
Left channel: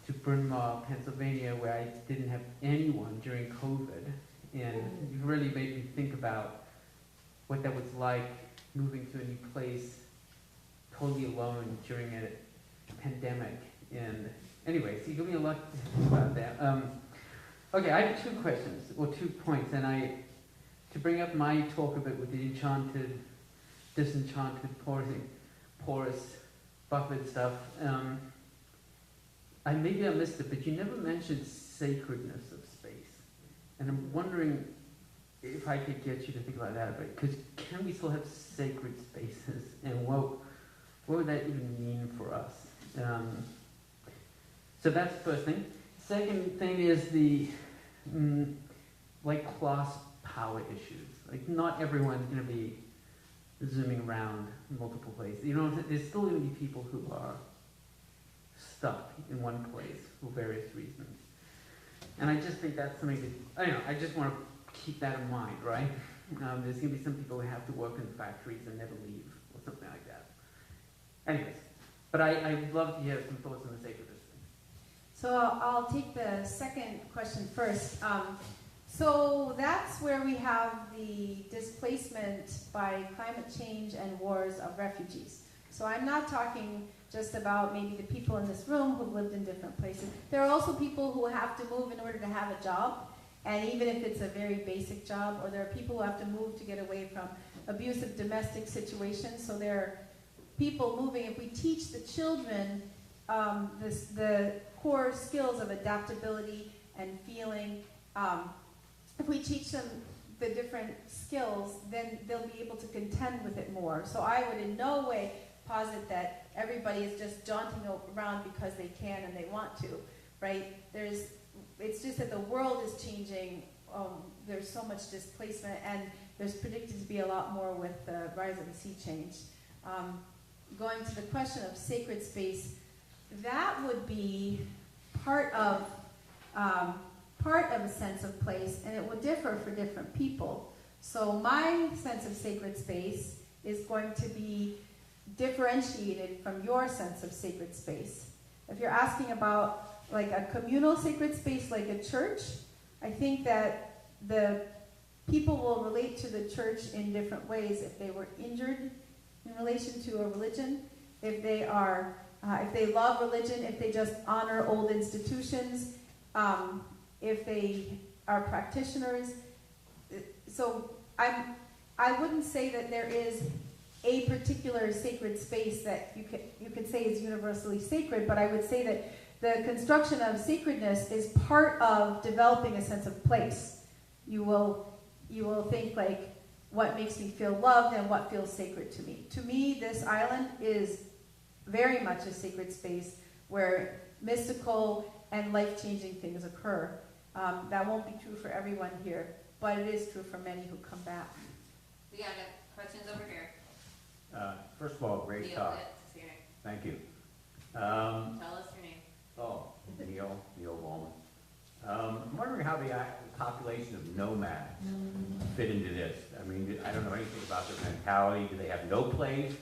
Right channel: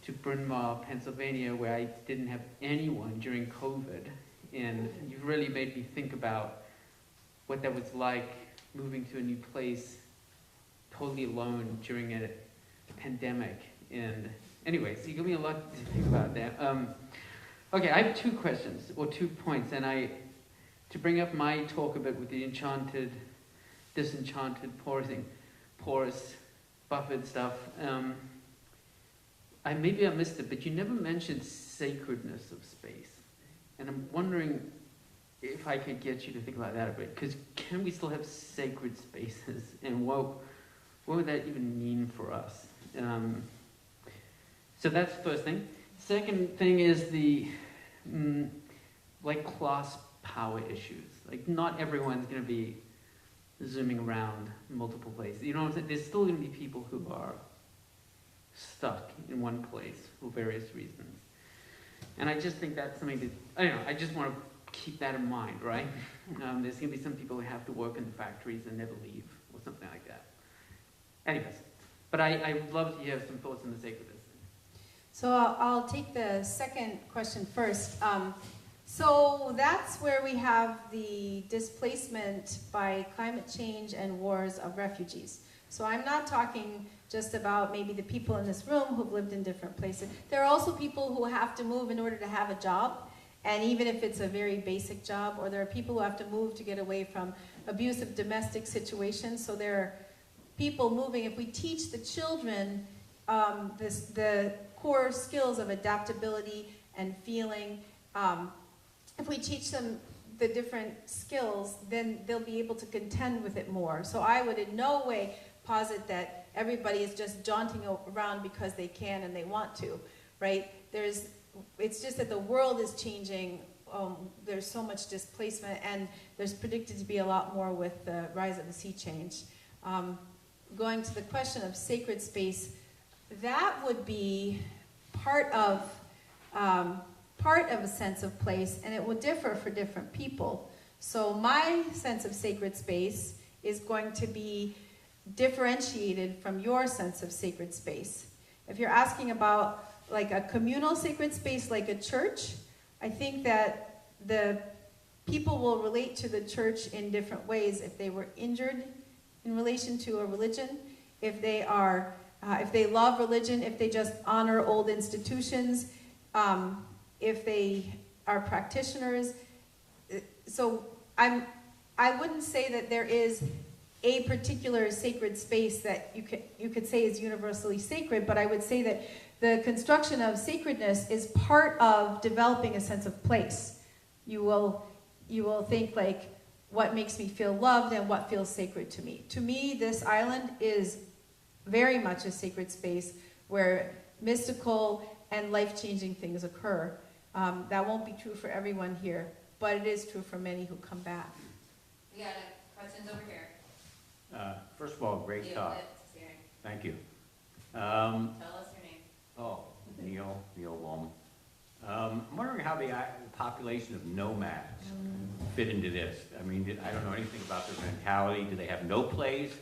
to Bryn Mawr, Pennsylvania, where I didn't have anyone during COVID. And you've really made me think about what that was like moving to a new place totally alone during a pandemic. And anyway, so you give me a lot to think about that. Okay, I have 2 questions, or 2 points, and to bring up my talk a bit with the enchanted, disenchanted, porous, buffered stuff. Maybe I missed it, but you never mentioned sacredness of space. And I'm wondering if I could get you to think about that a bit, because can we still have sacred spaces, and what would that even mean for us? So that's the first thing. Second thing is the like class power issues. Like not everyone's going to be zooming around multiple places. You know, there's still going to be people who are stuck in one place for various reasons. And I just think that's something that, I don't know, I just want to keep that in mind, right? There's going to be some people who have to work in the factories and never leave, or something like that. Anyways, but I'd love to hear some thoughts on the sacredness thing. So I'll take the second question first. So that's where we have the displacement by climate change and wars of refugees. So I'm not talking just about maybe the people in this room who've lived in different places. There are also people who have to move in order to have a job, and even if it's a very basic job, or there are people who have to move to get away from abusive domestic situations. So there are people moving. If we teach the children the core skills of adaptability and feeling, if we teach them the different skills, then they'll be able to contend with it more. So I would in no way posit that everybody is just jaunting around because they can and they want to, right? It's just that the world is changing. There's so much displacement, and there's predicted to be a lot more with the rise of the sea change. Going to the question of sacred space, that would be part of a sense of place, and it will differ for different people. So my sense of sacred space is going to be differentiated from your sense of sacred space. If you're asking about like a communal sacred space like a church, I think that the people will relate to the church in different ways. If they were injured in relation to a religion, if they love religion, if they just honor old institutions, if they are practitioners. So I wouldn't say that there is a particular sacred space that you could say is universally sacred, but I would say that the construction of sacredness is part of developing a sense of place. You will think like, what makes me feel loved and what feels sacred to me. To me, this island is very much a sacred space where mystical and life-changing things occur. That won't be true for everyone here, but it is true for many who come back. We got questions over here. First of all, great Neil talk. Lips is here. Thank you. Tell us your name. Oh, Neil Wallman. I'm wondering how the population of nomads fit into this. I mean, I don't know anything about their mentality. Do they have no place,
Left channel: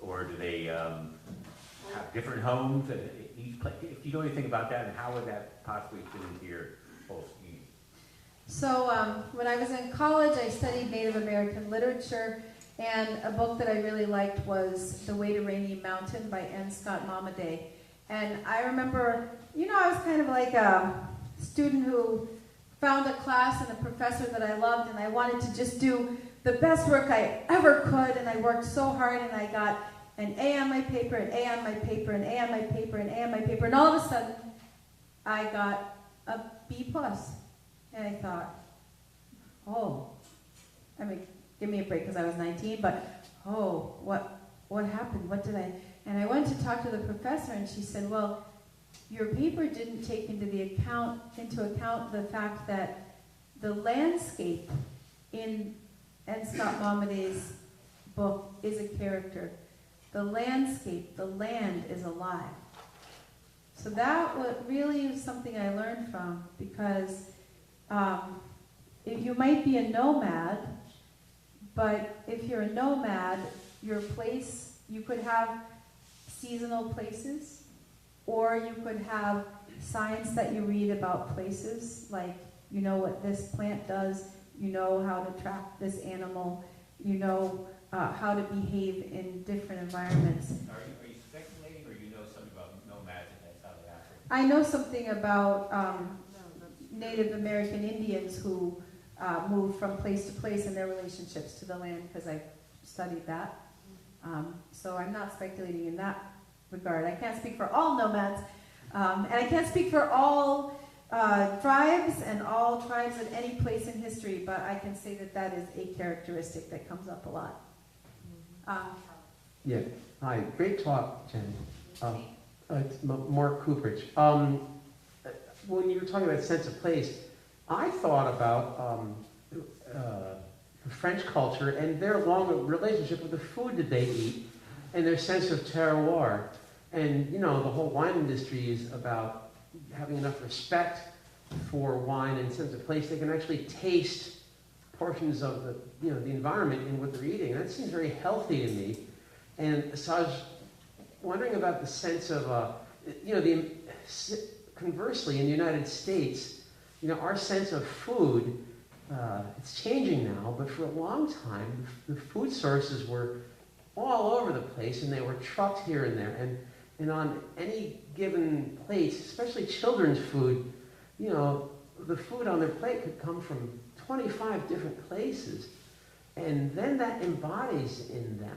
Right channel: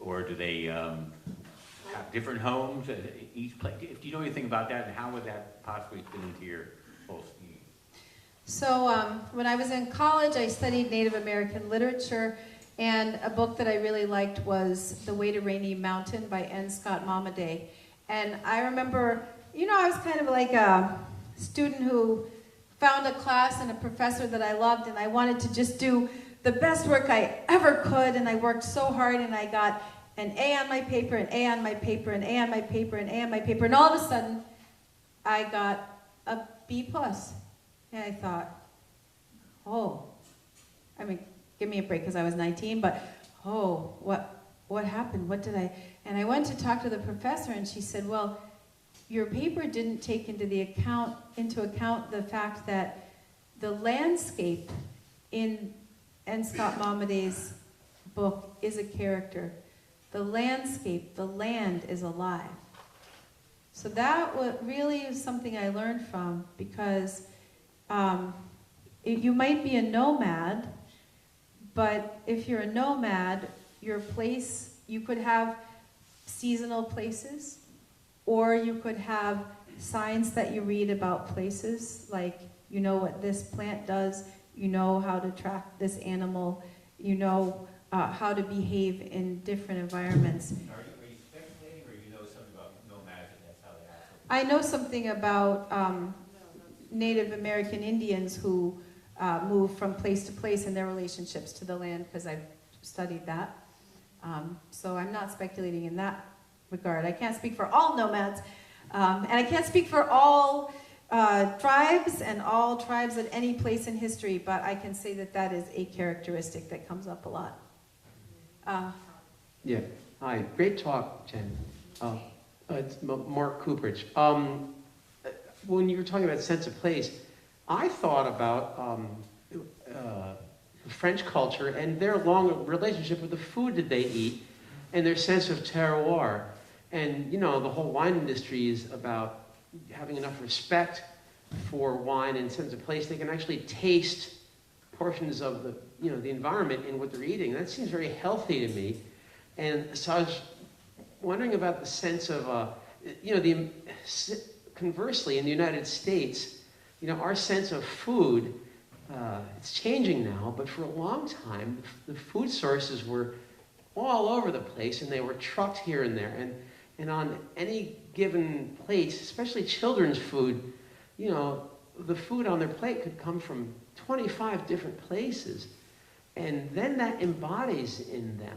or do they have different homes at each place? Do you know anything about that, and how would that possibly fit into your both needs? So when I was in college, I studied Native American literature, and a book that I really liked was The Way to Rainy Mountain by N. Scott Momaday. And I remember, I was kind of like a student who found a class and a professor that I loved, and I wanted to just do the best work I ever could, and I worked so hard, and I got an A on my paper, an A on my paper, an A on my paper, an A on my paper, and all of a sudden, I got a B+. And I thought, give me a break because I was 19, but what happened? What did I? And I went to talk to the professor, and she said, well, your paper didn't take into account the fact that the landscape in N. Scott Momaday's book is a character. The landscape, the land is alive. So that really is something I learned from, because you might be a nomad, but if you're a nomad, your place, you could have seasonal places, or you could have science that you read about places, like you know what this plant does, you know how to track this animal, you know how to behave in different environments. Are you speculating, or you know something about nomads and that's how they operate? I know something about Native American Indians who move from place to place in their relationships to the land, because I've studied that. So I'm not speculating in that regard. I can't speak for all nomads, and I can't speak for all tribes and all tribes at any place in history, but I can say that that is a characteristic that comes up a lot. Yeah. Hi. Great talk, Jen. It's Mark Cooperage. When you were talking about sense of place, I thought about French culture and their long relationship with the food that they eat and their sense of terroir. And, you know, the whole wine industry is about having enough respect for wine and sense of place. They can actually taste portions of the, you know, the environment in what they're eating. That seems very healthy to me. And so I was wondering about the sense of, you know, conversely, in the United States, you know, our sense of food, it's changing now, but for a long time, the food sources were all over the place, and they were trucked here and there. And on any given plate, especially children's food, you know, the food on their plate could come from 25 different places. And then that embodies in them,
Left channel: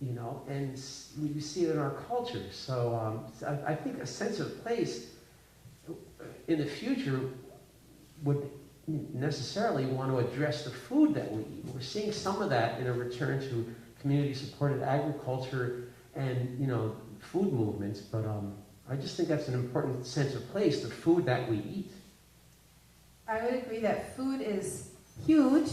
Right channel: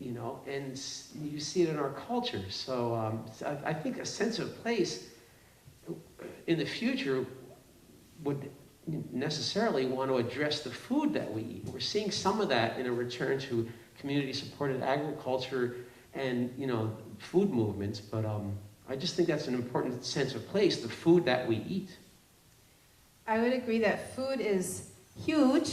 you know, and you see it in our culture. So I think a sense of place in the future would necessarily want to address the food that we eat. We're seeing some of that in a return to community-supported agriculture and, you know, food movements, but I just think that's an important sense of place, the food that we eat. I would agree that food is huge.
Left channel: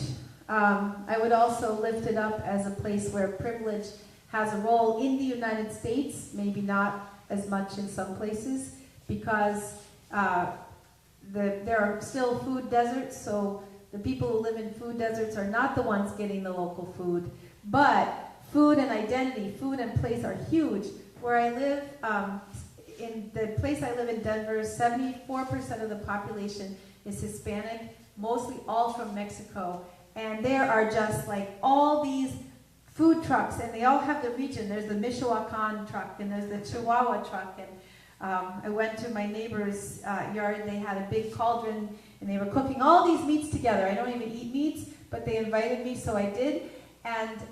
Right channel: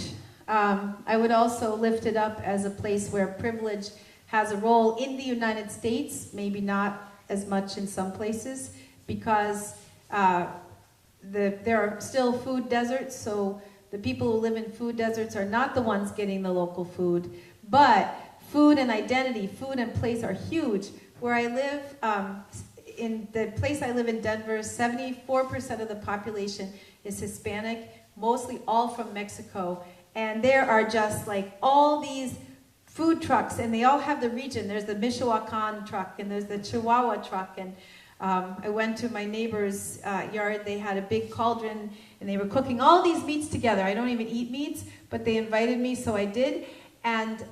I would also lift it up as a place where privilege has a role in the United States, maybe not as much in some places, because there are still food deserts, so the people who live in food deserts are not the ones getting the local food. But food and identity, food and place are huge. Where I live, in the place I live in Denver, 74% of the population is Hispanic, mostly all from Mexico. And there are just like all these food trucks, and they all have the region. There's the Michoacan truck, and there's the Chihuahua truck, and I went to my neighbor's yard. They had a big cauldron, and they were cooking all these meats together. I don't even eat meats, but they invited me, so I did. And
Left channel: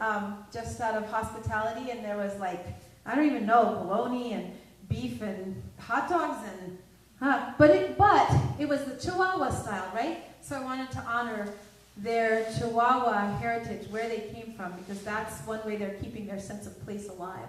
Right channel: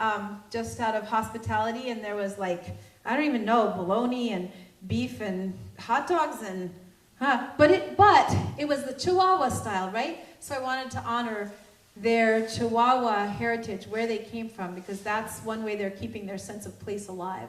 just out of hospitality, and there was like, I don't even know, bologna and beef and hot dogs and, but it was the Chihuahua style, right? So I wanted to honor their Chihuahua heritage, where they came from, because that's one way they're keeping their sense of place alive.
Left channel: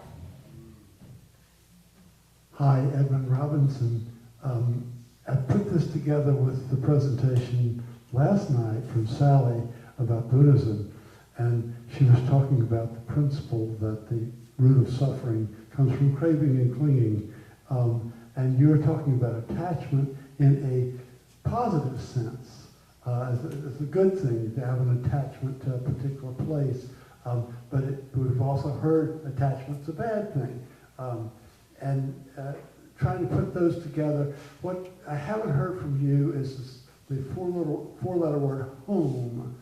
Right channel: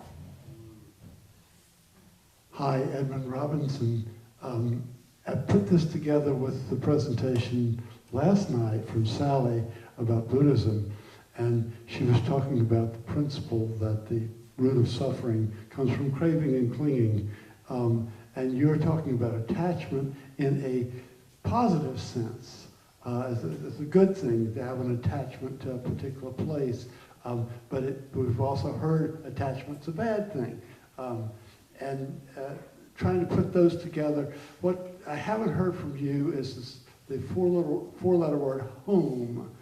Hi, Edmund Robinson. I put this together with the presentation last night from Sally about Buddhism, and she was talking about the principle that the root of suffering comes from craving and clinging, and you're talking about attachment in a positive sense. It's a good thing to have an attachment to a particular place, but we've also heard attachment's a bad thing. Trying to put those together, what I haven't heard from you is the four-letter word home.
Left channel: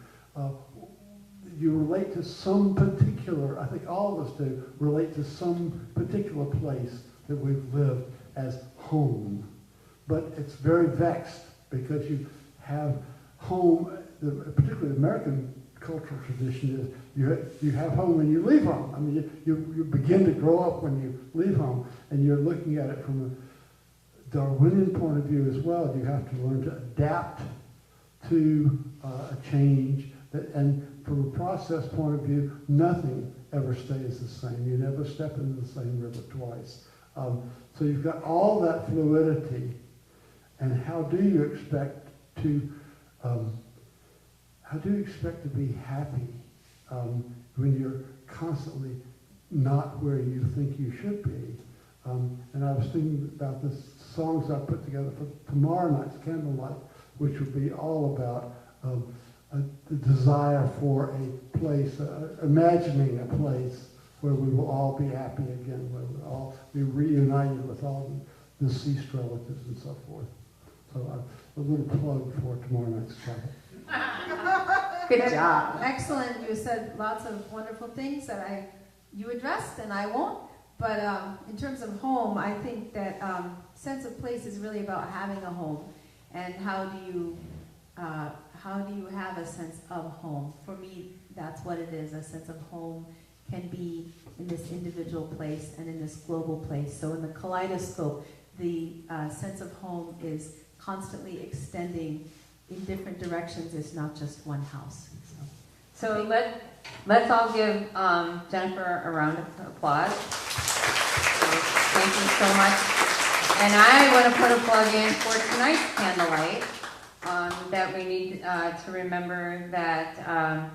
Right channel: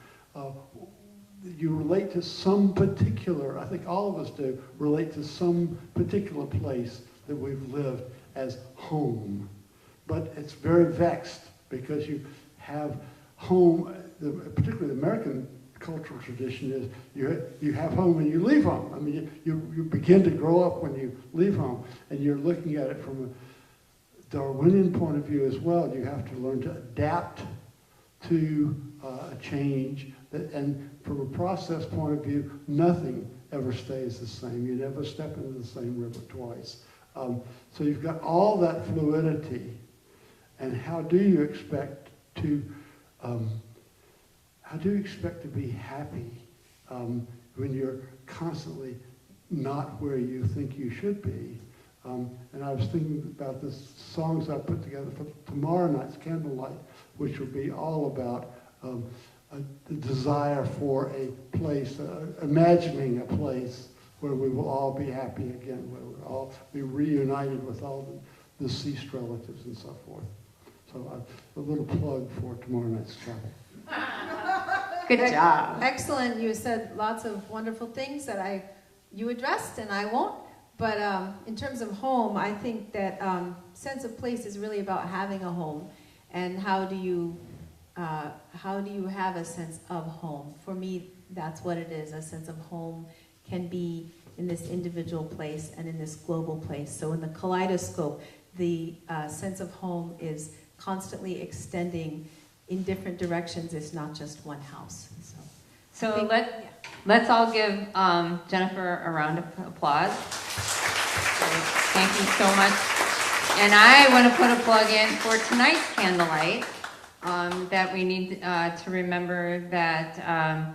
You relate to some particular, I think all of us do, relate to some particular place that we've lived as home. But it's very vexed because you have home, particularly the American cultural tradition is you have home and you leave home. I mean, you begin to grow up when you leave home, and you're looking at it from a Darwinian point of view as well. You have to learn to adapt to a change, and from a process point of view, nothing ever stays the same. You never step into the same river twice. So you've got all that fluidity, and how do you expect to be happy when you're constantly not where you think you should be? And I was thinking about the songs I put together for tomorrow night's candlelight, which will be all about the desire for a place, imagining a place where we will all be happy again, where we'll all be reunited with all the deceased relatives and so forth. So a little plug for tomorrow night's chapel. Good job. Excellent. You said lots of wonderful things that you addressed, and I won't. But in terms of home, I think that sense of place is really about having a home, and how do you have a sense of home? For me, that's what it is. A sense of home can be in this individual place and in this global place. So in the kaleidoscope, the sense of home is constantly extending in different directions. It's not just one house. So let's all give Jennifer a round of applause. Thank you so much. And I want to put a plug in for tonight's candlelight, that we need to remember that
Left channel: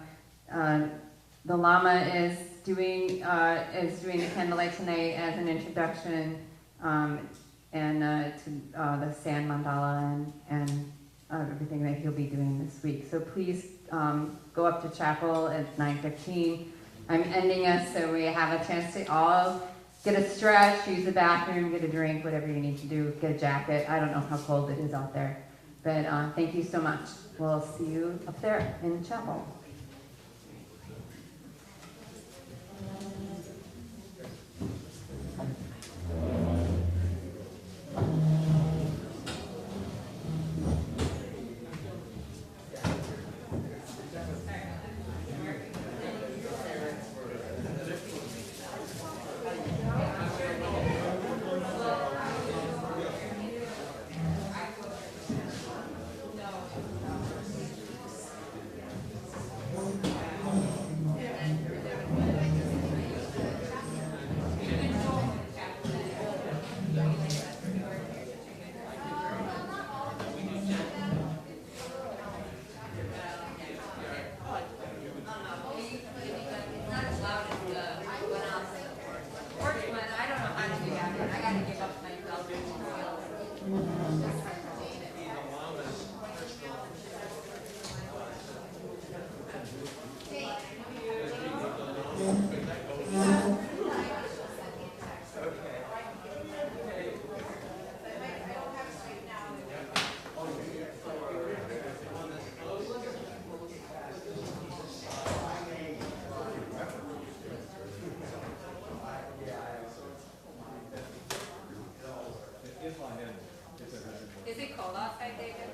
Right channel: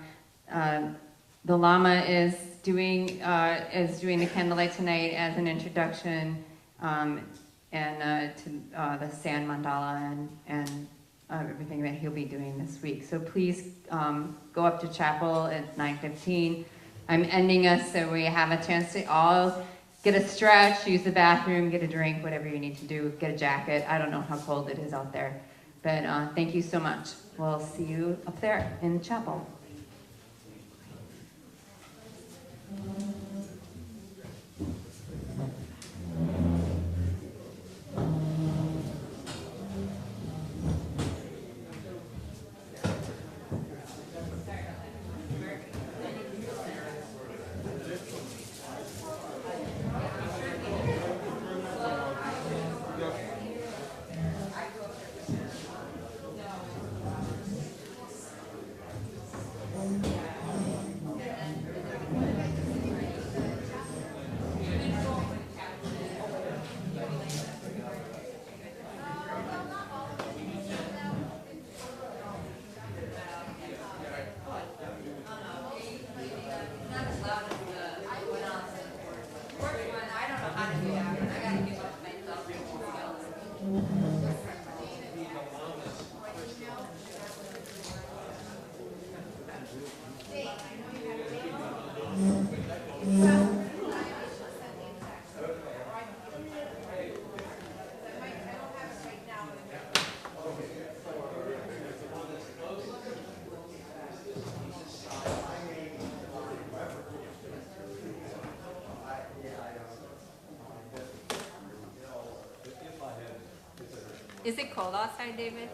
the Lama is doing the candlelight tonight as an introduction, and to the sand mandala and everything that he'll be doing this week. So please go up to chapel at 9:15. I'm ending us so we have a chance to all get a stretch, use the bathroom, get a drink, whatever you need to do, get a jacket. I don't know how cold it is out there. But thank you so much. We'll see you up there in the chapel. Is it cold outside, David?